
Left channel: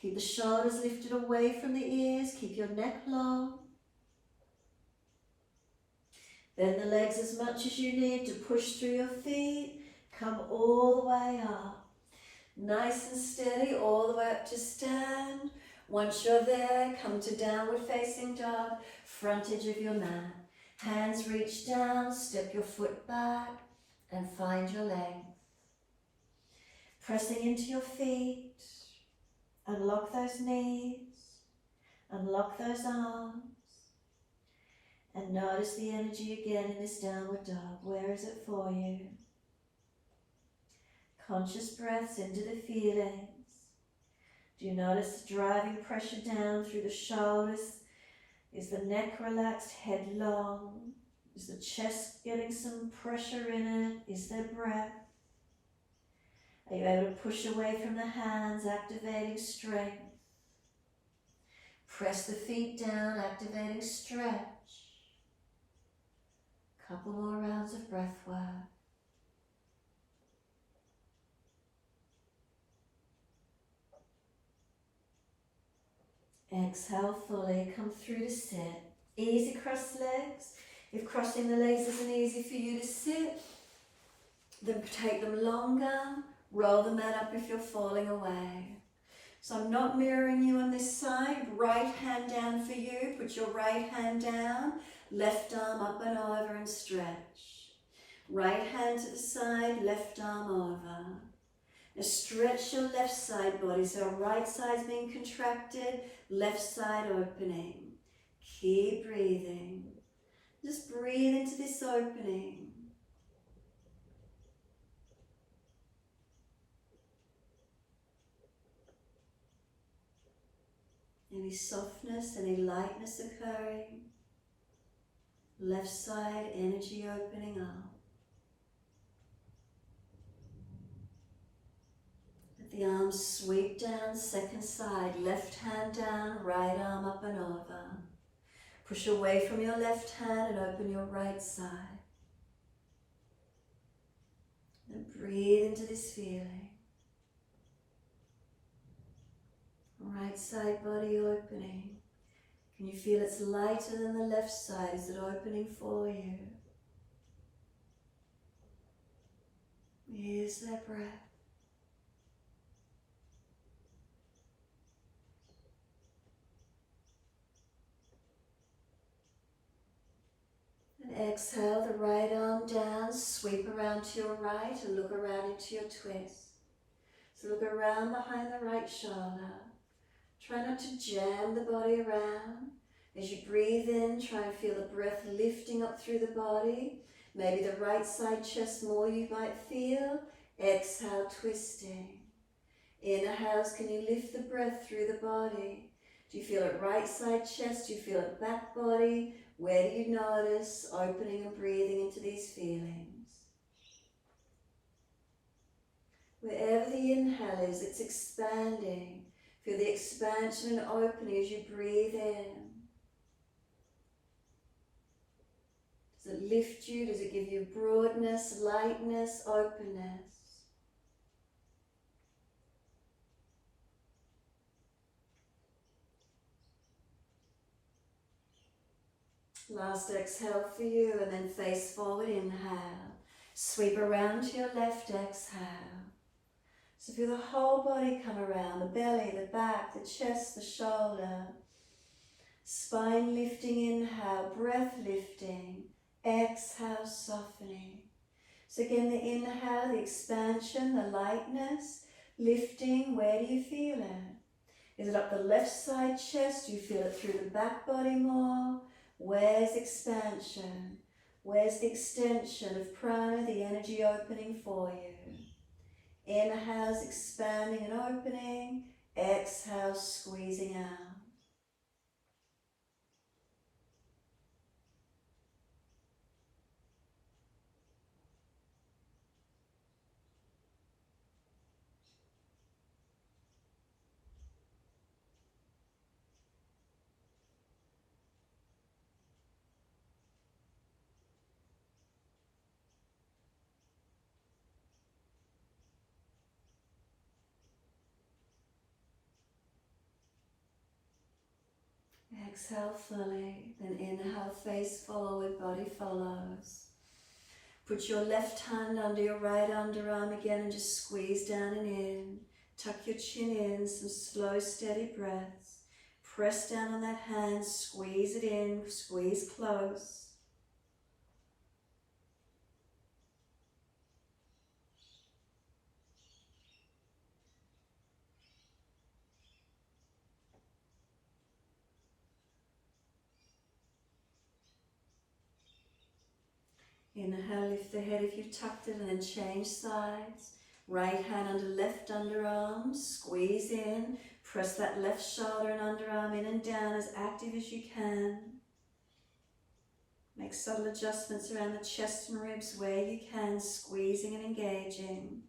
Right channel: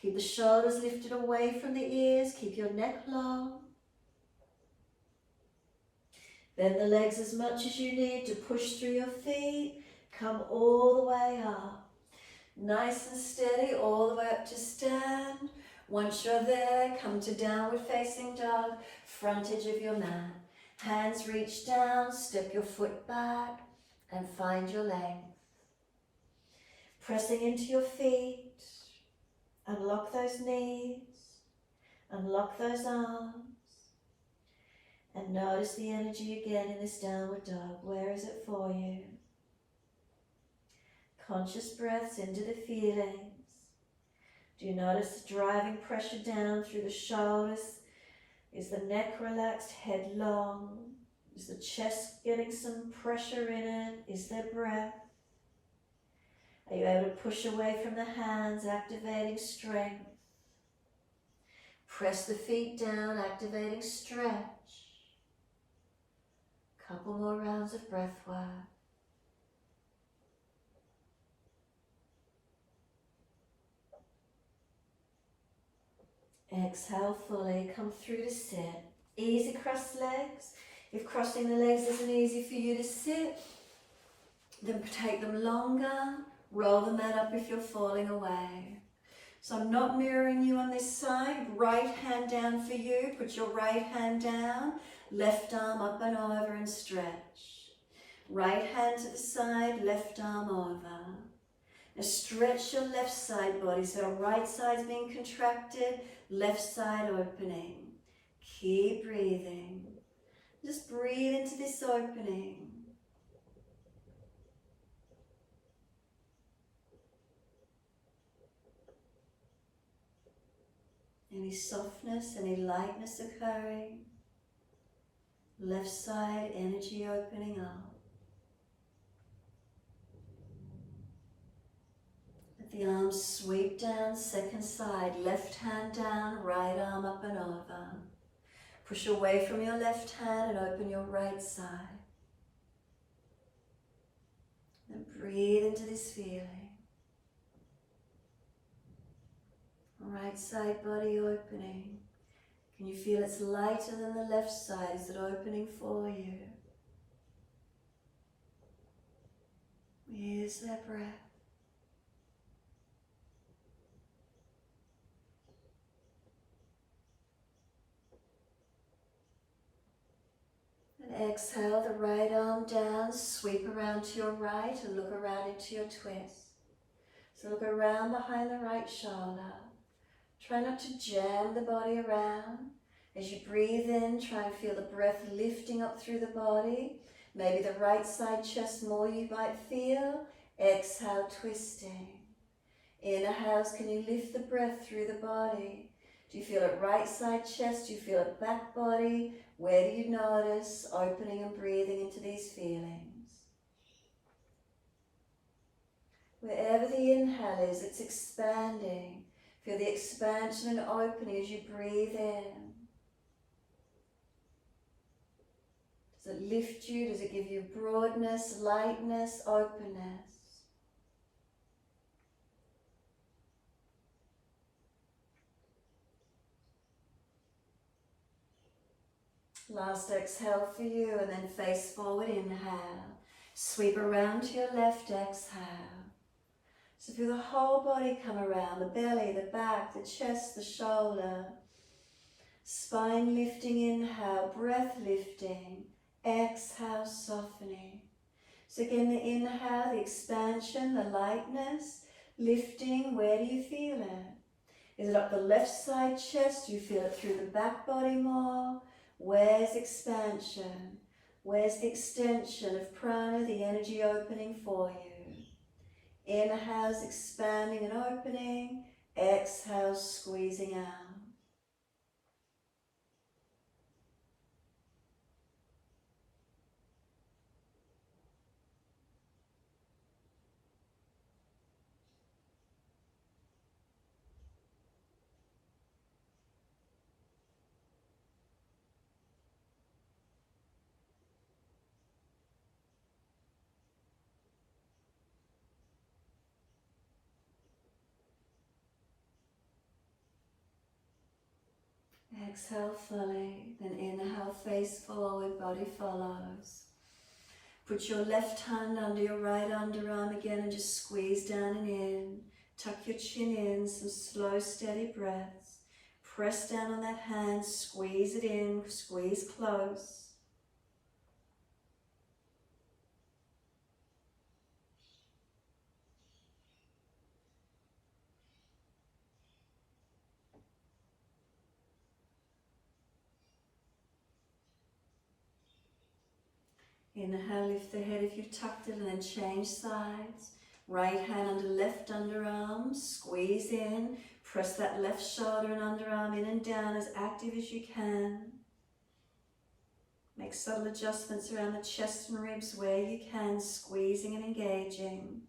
Keep the shoulders lifted away from the ears, keep your neck long. Bend the legs as much as you need to push through your feet. Come all the way up. Nice and steady, all the way up to stand. Once you're there, come to downward facing dog, front edge of your mat. Hands reach down, step your foot back and find your length. Pressing into your feet, unlock those knees, unlock those arms, and notice the energy again in this downward dog. Where is it for you? Conscious breaths into the feelings. Do you notice the driving pressure down through the shoulders? Is the neck relaxed, head long? Is the chest getting some pressure in it? Is there breath? Are you able to push away from the hands, activating strength? Press the feet down, activating stretch. Couple more rounds of breath work. Exhale fully, come through to sit. Easy cross legs. If crossing the legs isn't easy for you to sit, then take them longer. Roll the mat up if you're falling away. So I'm not mirroring you on this side. Right hand down for you. Put your right hand down. Left arm up and over and stretch. Right hand to the side, left arm over. Now stretch your left side body, so right side's being contracted, left side opening. Keep breathing. Just breathe into this opening. Any softness, any lightness occurring. Left side, energy opening up. Let the arms sweep down, second side, left hand down, right arm up and over. Push away from your left hand and open your right side. Then breathe into this feeling. Right side body opening. Can you feel it's lighter than the left side? Is it opening for you? Is there breath? And exhale the right arm down, sweep around to your right and look around into your twist. So look around behind the right shoulder. Try not to jam the body around. As you breathe in, try and feel the breath lifting up through the body. Maybe the right side chest more you might feel. Exhale, twisting. Inhales, can you lift the breath through the body? Do you feel it right side chest? Do you feel it back body? Where do you notice opening and breathing into these feelings? Wherever whatever the inhale is, it's expanding. Feel the expansion and opening as you breathe in. Does it lift you? Does it give you broadness, lightness, openness? Last exhale for you, and then face forward, inhale. Sweep around to your left, exhale. So feel the whole body come around, the belly, the back, the chest, the shoulder. Spine lifting, inhale, breath lifting, exhale, softening. So again, the inhale, the expansion, the lightness, lifting, where do you feel it? Is it up the left side chest? Do you feel it through the back body more? Where's expansion? Where's the extension of prana, the energy opening for you? Inhale's expanding and opening, exhale, squeezing out. Exhale fully, then inhale, face forward, body follows. Put your left hand under your right underarm again and just squeeze down and in. Tuck your chin in, some slow, steady breaths. Press down on that hand, squeeze it in, squeeze close. Inhale, lift the head if you've tucked it, and then change sides. Right hand under left underarm, squeeze in. Press that left shoulder and underarm in and down as active as you can. Make subtle adjustments around the chest and ribs where you can, squeezing and engaging.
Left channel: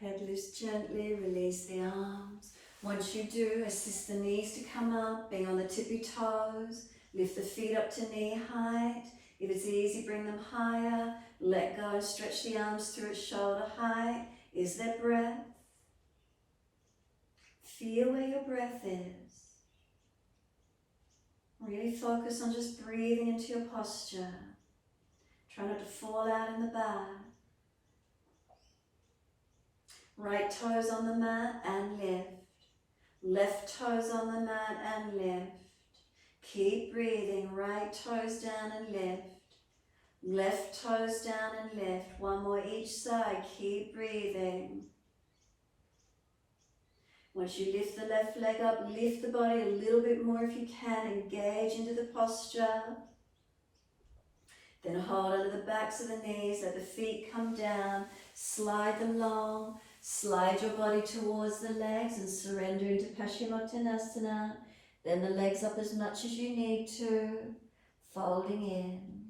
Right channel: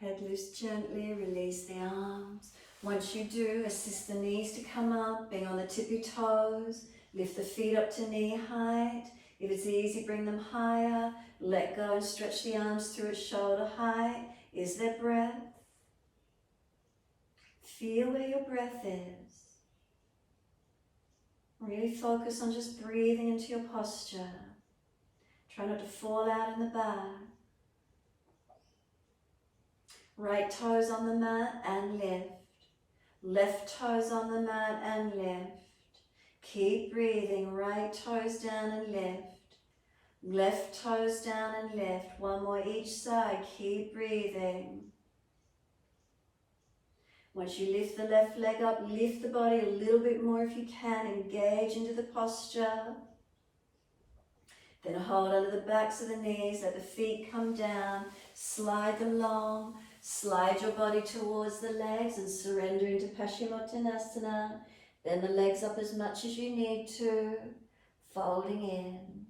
Head lifts gently, release the arms. Once you do, assist the knees to come up, being on the tippy toes. Lift the feet up to knee height. If it's easy, bring them higher. Let go and stretch the arms through at shoulder height. Is there breath? Feel where your breath is. Really focus on just breathing into your posture. Try not to fall out in the back. Right toes on the mat and lift. Left toes on the mat and lift. Keep breathing. Right toes down and lift. Left toes down and lift. One more each side. Keep breathing. Once you lift the left leg up, lift the body a little bit more if you can. Engage into the posture. Then hold under the backs of the knees. Let the feet come down. Slide them long. Slide your body towards the legs and surrender into Paschimottanasana. Then the legs up as much as you need to, folding in.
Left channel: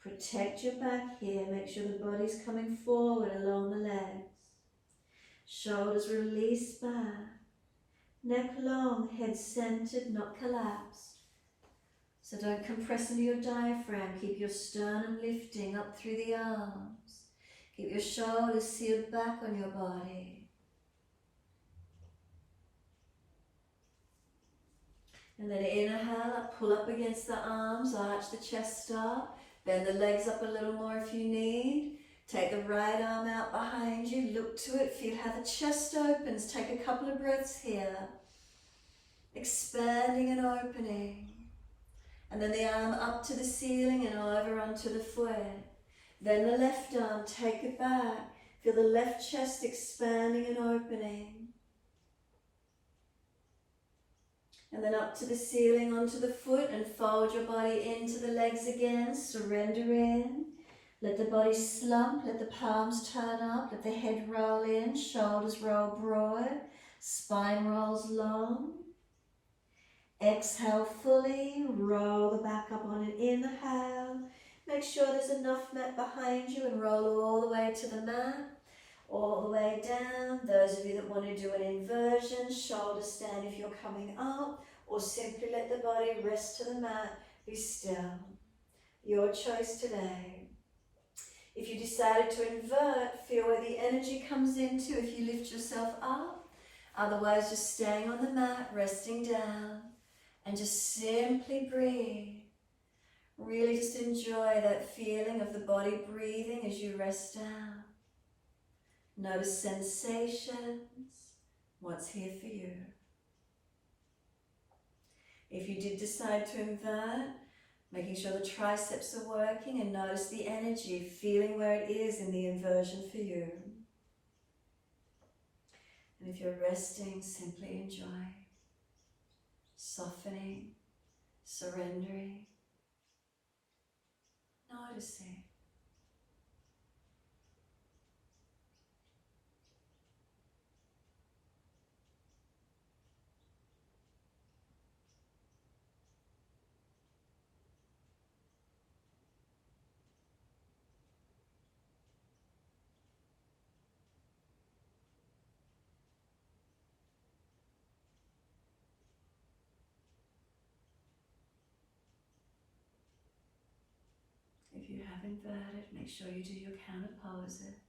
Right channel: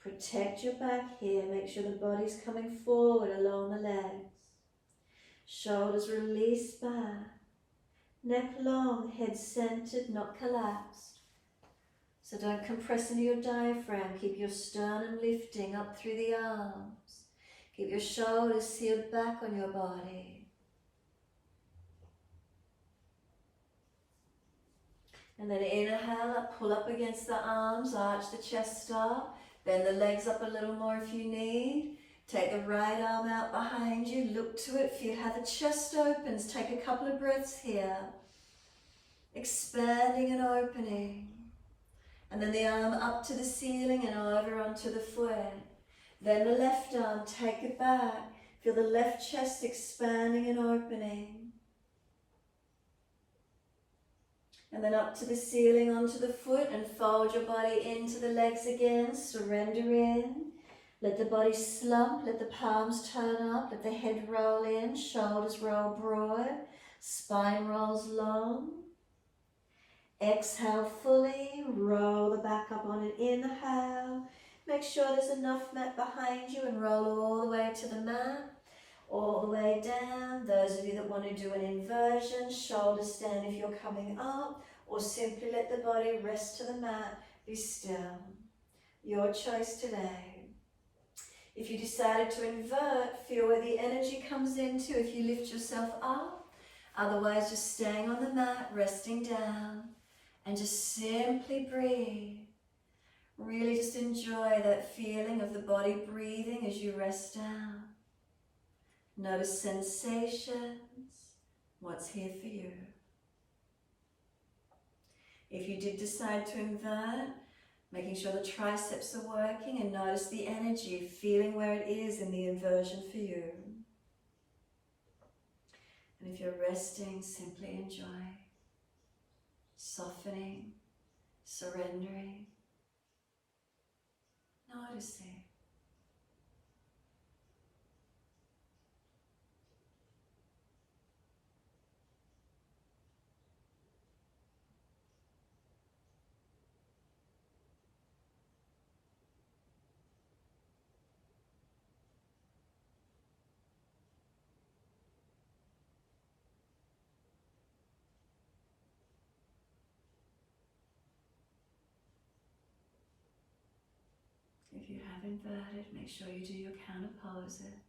Protect your back here. Make sure the body's coming forward along the legs. Shoulders release back. Neck long, head centered, not collapsed. So don't compress into your diaphragm. Keep your sternum lifting up through the arms. Keep your shoulders sealed back on your body. And then inhale up, pull up against the arms, arch the chest up. Bend the legs up a little more if you need. Take the right arm out behind you, look to it, feel how the chest opens. Take a couple of breaths here. Expanding and opening. And then the arm up to the ceiling and over onto the foot. Then the left arm, take it back. Feel the left chest expanding and opening. And then up to the ceiling, onto the foot, and fold your body into the legs again. Surrender in. Let the body slump, let the palms turn up, let the head roll in, shoulders roll broad, spine rolls long. Exhale fully, roll the back up on an inhale. Make sure there's enough mat behind you and roll all the way to the mat, all the way down. Those of you that want to do an inversion, shoulder stand if you're coming up, or simply let the body rest to the mat, be still. Your choice today. If you decided to invert, feel where the energy comes into if you lift yourself up. Otherwise, just staying on the mat, resting down, and just simply breathe. Really just enjoy that feeling of the body breathing as you rest down. Notice sensations, what's here for you. If you did decide to invert, making sure the triceps are working, and notice the energy, feeling where it is in the inversion for you. And if you're resting, simply enjoy. Softening, surrendering, noticing. If you have inverted, make sure you do your counter poses.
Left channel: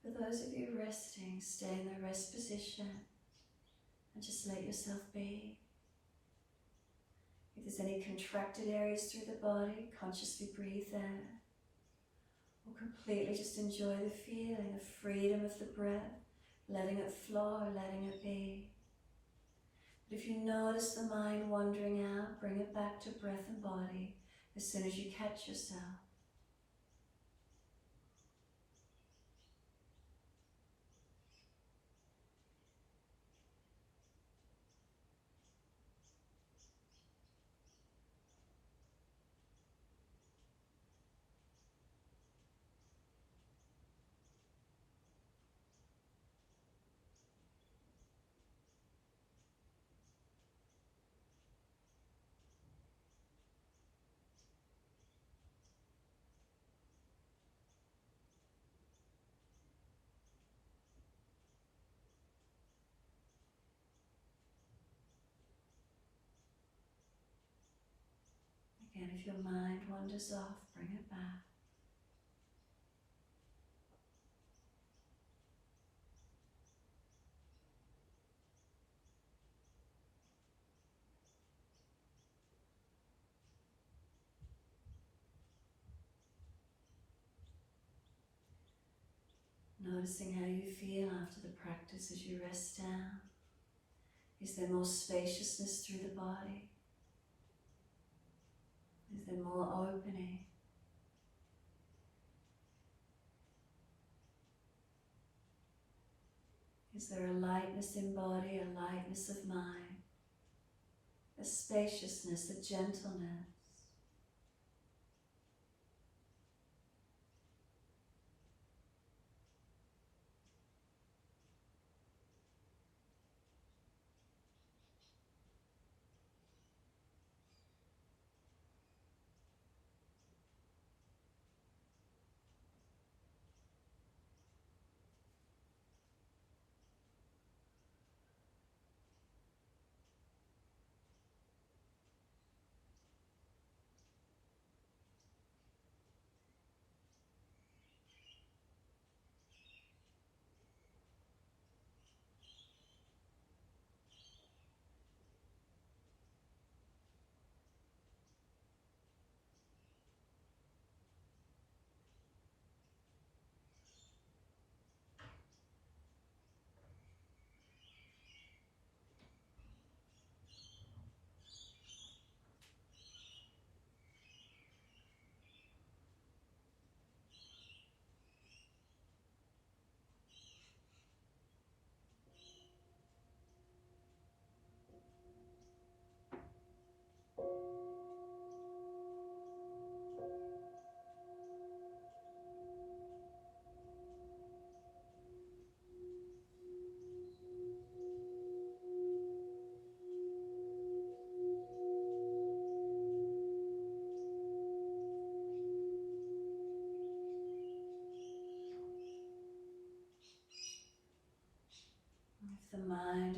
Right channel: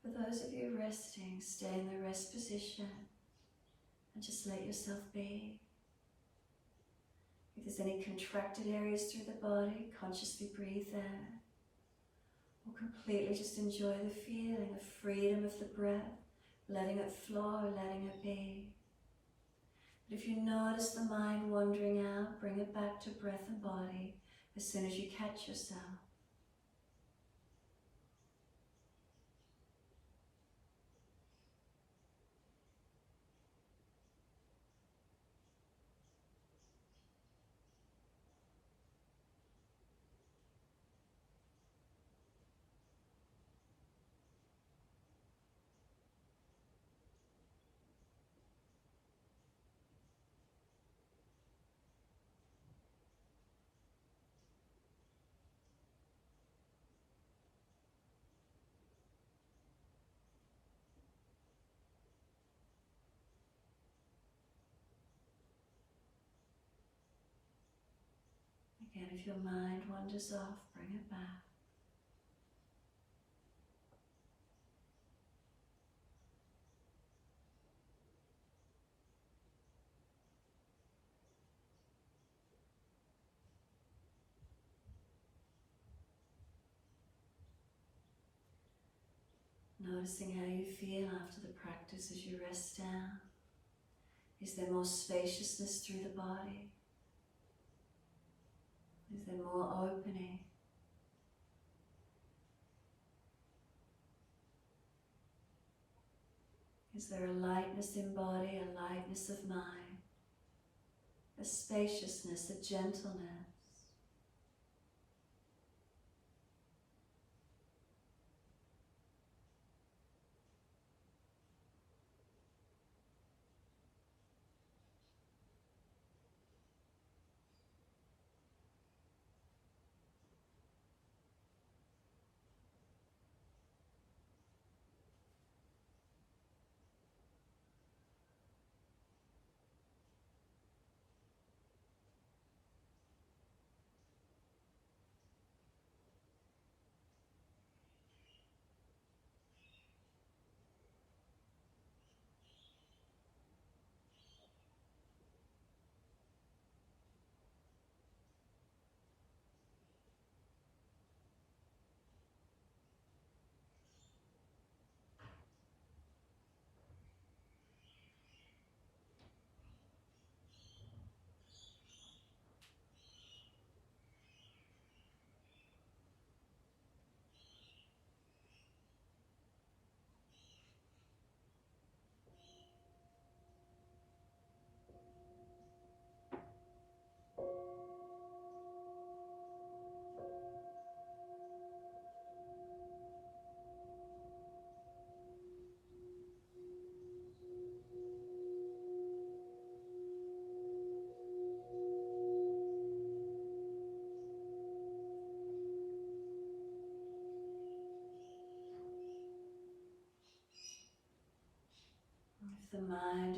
For those of you resting, stay in the rest position and just let yourself be. If there's any contracted areas through the body, consciously breathe there. Or completely just enjoy the feeling of freedom of the breath, letting it flow, letting it be. But if you notice the mind wandering out, bring it back to breath and body as soon as you catch yourself. Again, if your mind wanders off, bring it back. Noticing how you feel after the practice as you rest down. Is there more spaciousness through the body? Is there more opening? Is there a lightness in body, a lightness of mind, a spaciousness, a gentleness?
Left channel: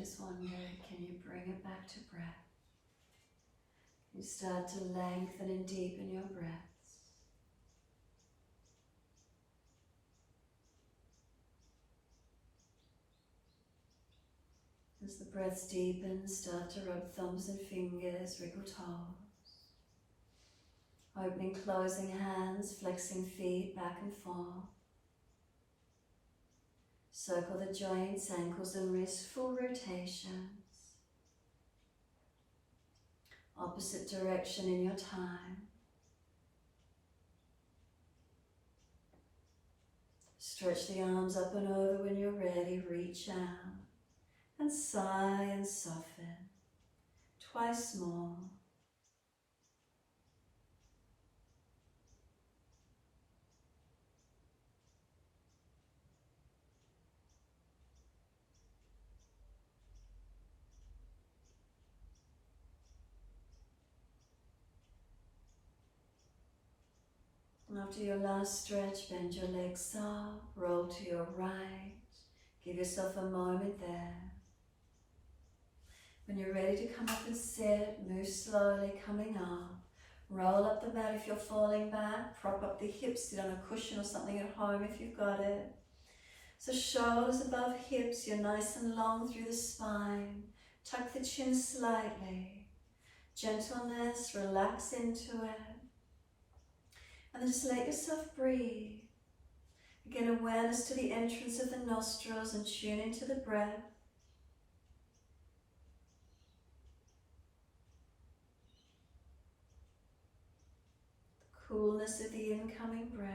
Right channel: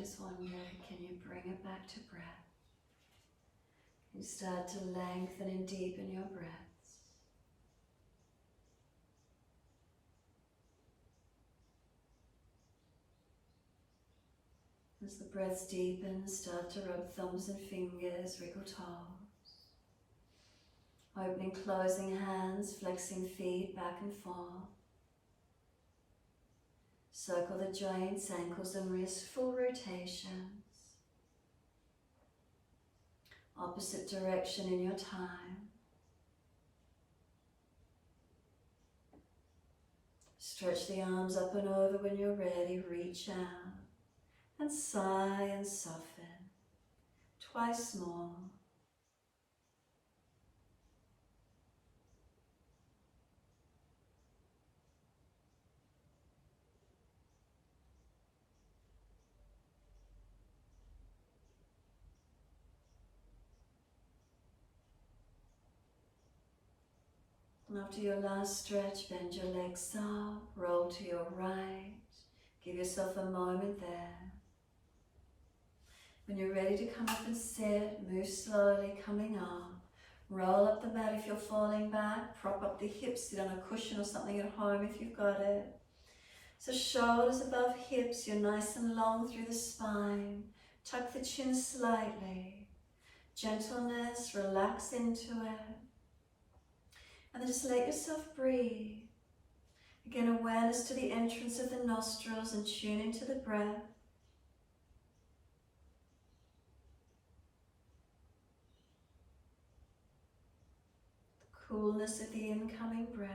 just wonder, can you bring it back to breath? You start to lengthen and deepen your breaths. As the breaths deepen, start to rub thumbs and fingers, wriggle toes. Opening, closing hands, flexing feet back and forth. Circle the joints, ankles and wrists, full rotations. Opposite direction in your time. Stretch the arms up and over when you're ready, reach out. And sigh and soften. Twice more. After your last stretch, bend your legs up, roll to your right. Give yourself a moment there. When you're ready to come up and sit, move slowly, coming up. Roll up the mat if you're falling back. Prop up the hips, sit on a cushion or something at home if you've got it. So shoulders above hips, you're nice and long through the spine. Tuck the chin slightly. Gentleness, relax into it. And then just let yourself breathe. Again, awareness to the entrance of the nostrils and tune into the breath. The coolness of the incoming breath.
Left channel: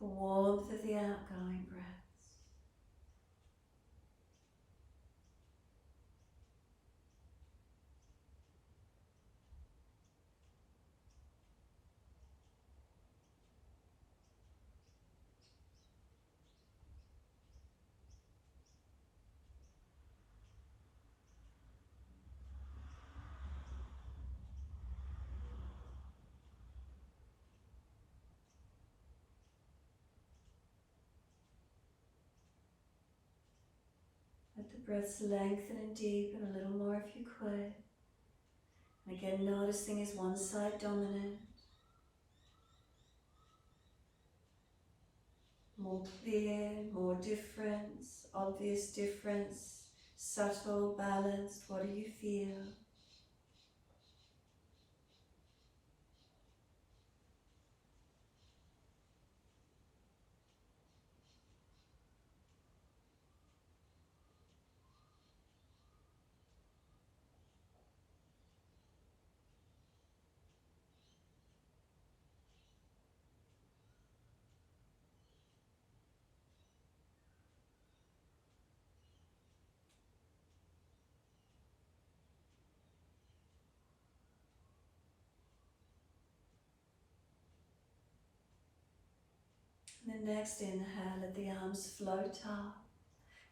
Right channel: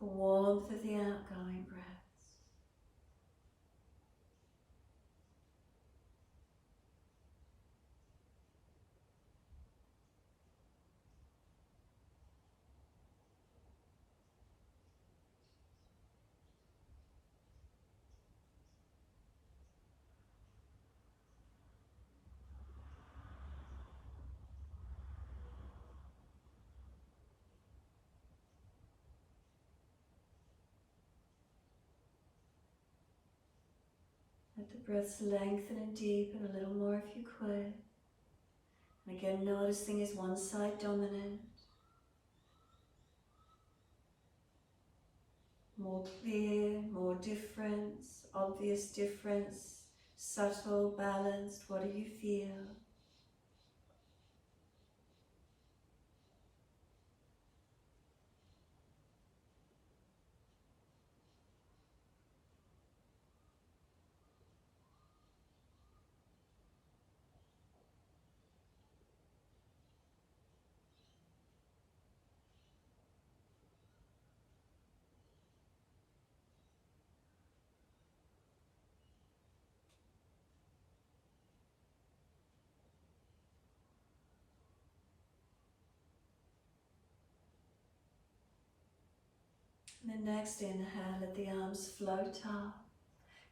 The warmth of the outgoing breath. Let the breaths lengthen and deepen a little more if you could. And again, noticing, is one side dominant? More clear, more difference, obvious difference, subtle, balanced, what do you feel? And the next inhale, let the arms float up.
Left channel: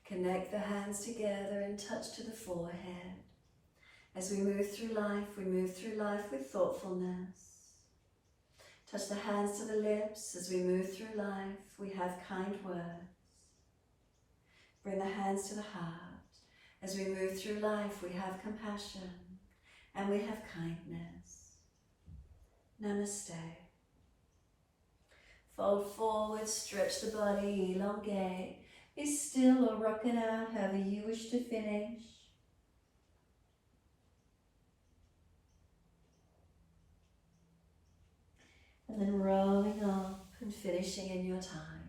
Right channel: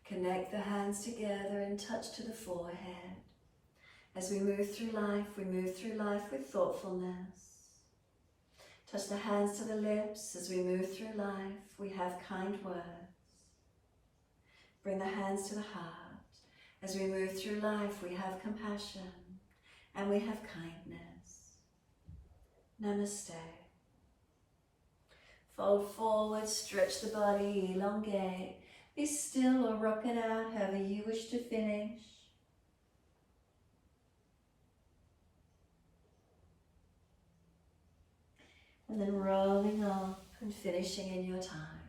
Connect the hands together and touch to the forehead. As we move through life with thoughtfulness. Touch the hands to the lips. As we move through life, we have kind words. Bring the hands to the heart. As we move through life, we have compassion and we have kindness. Namaste. Fold forward, stretch the body, elongate. Be still or rock it out however you wish to finish. And then rolling up and finishing in your time.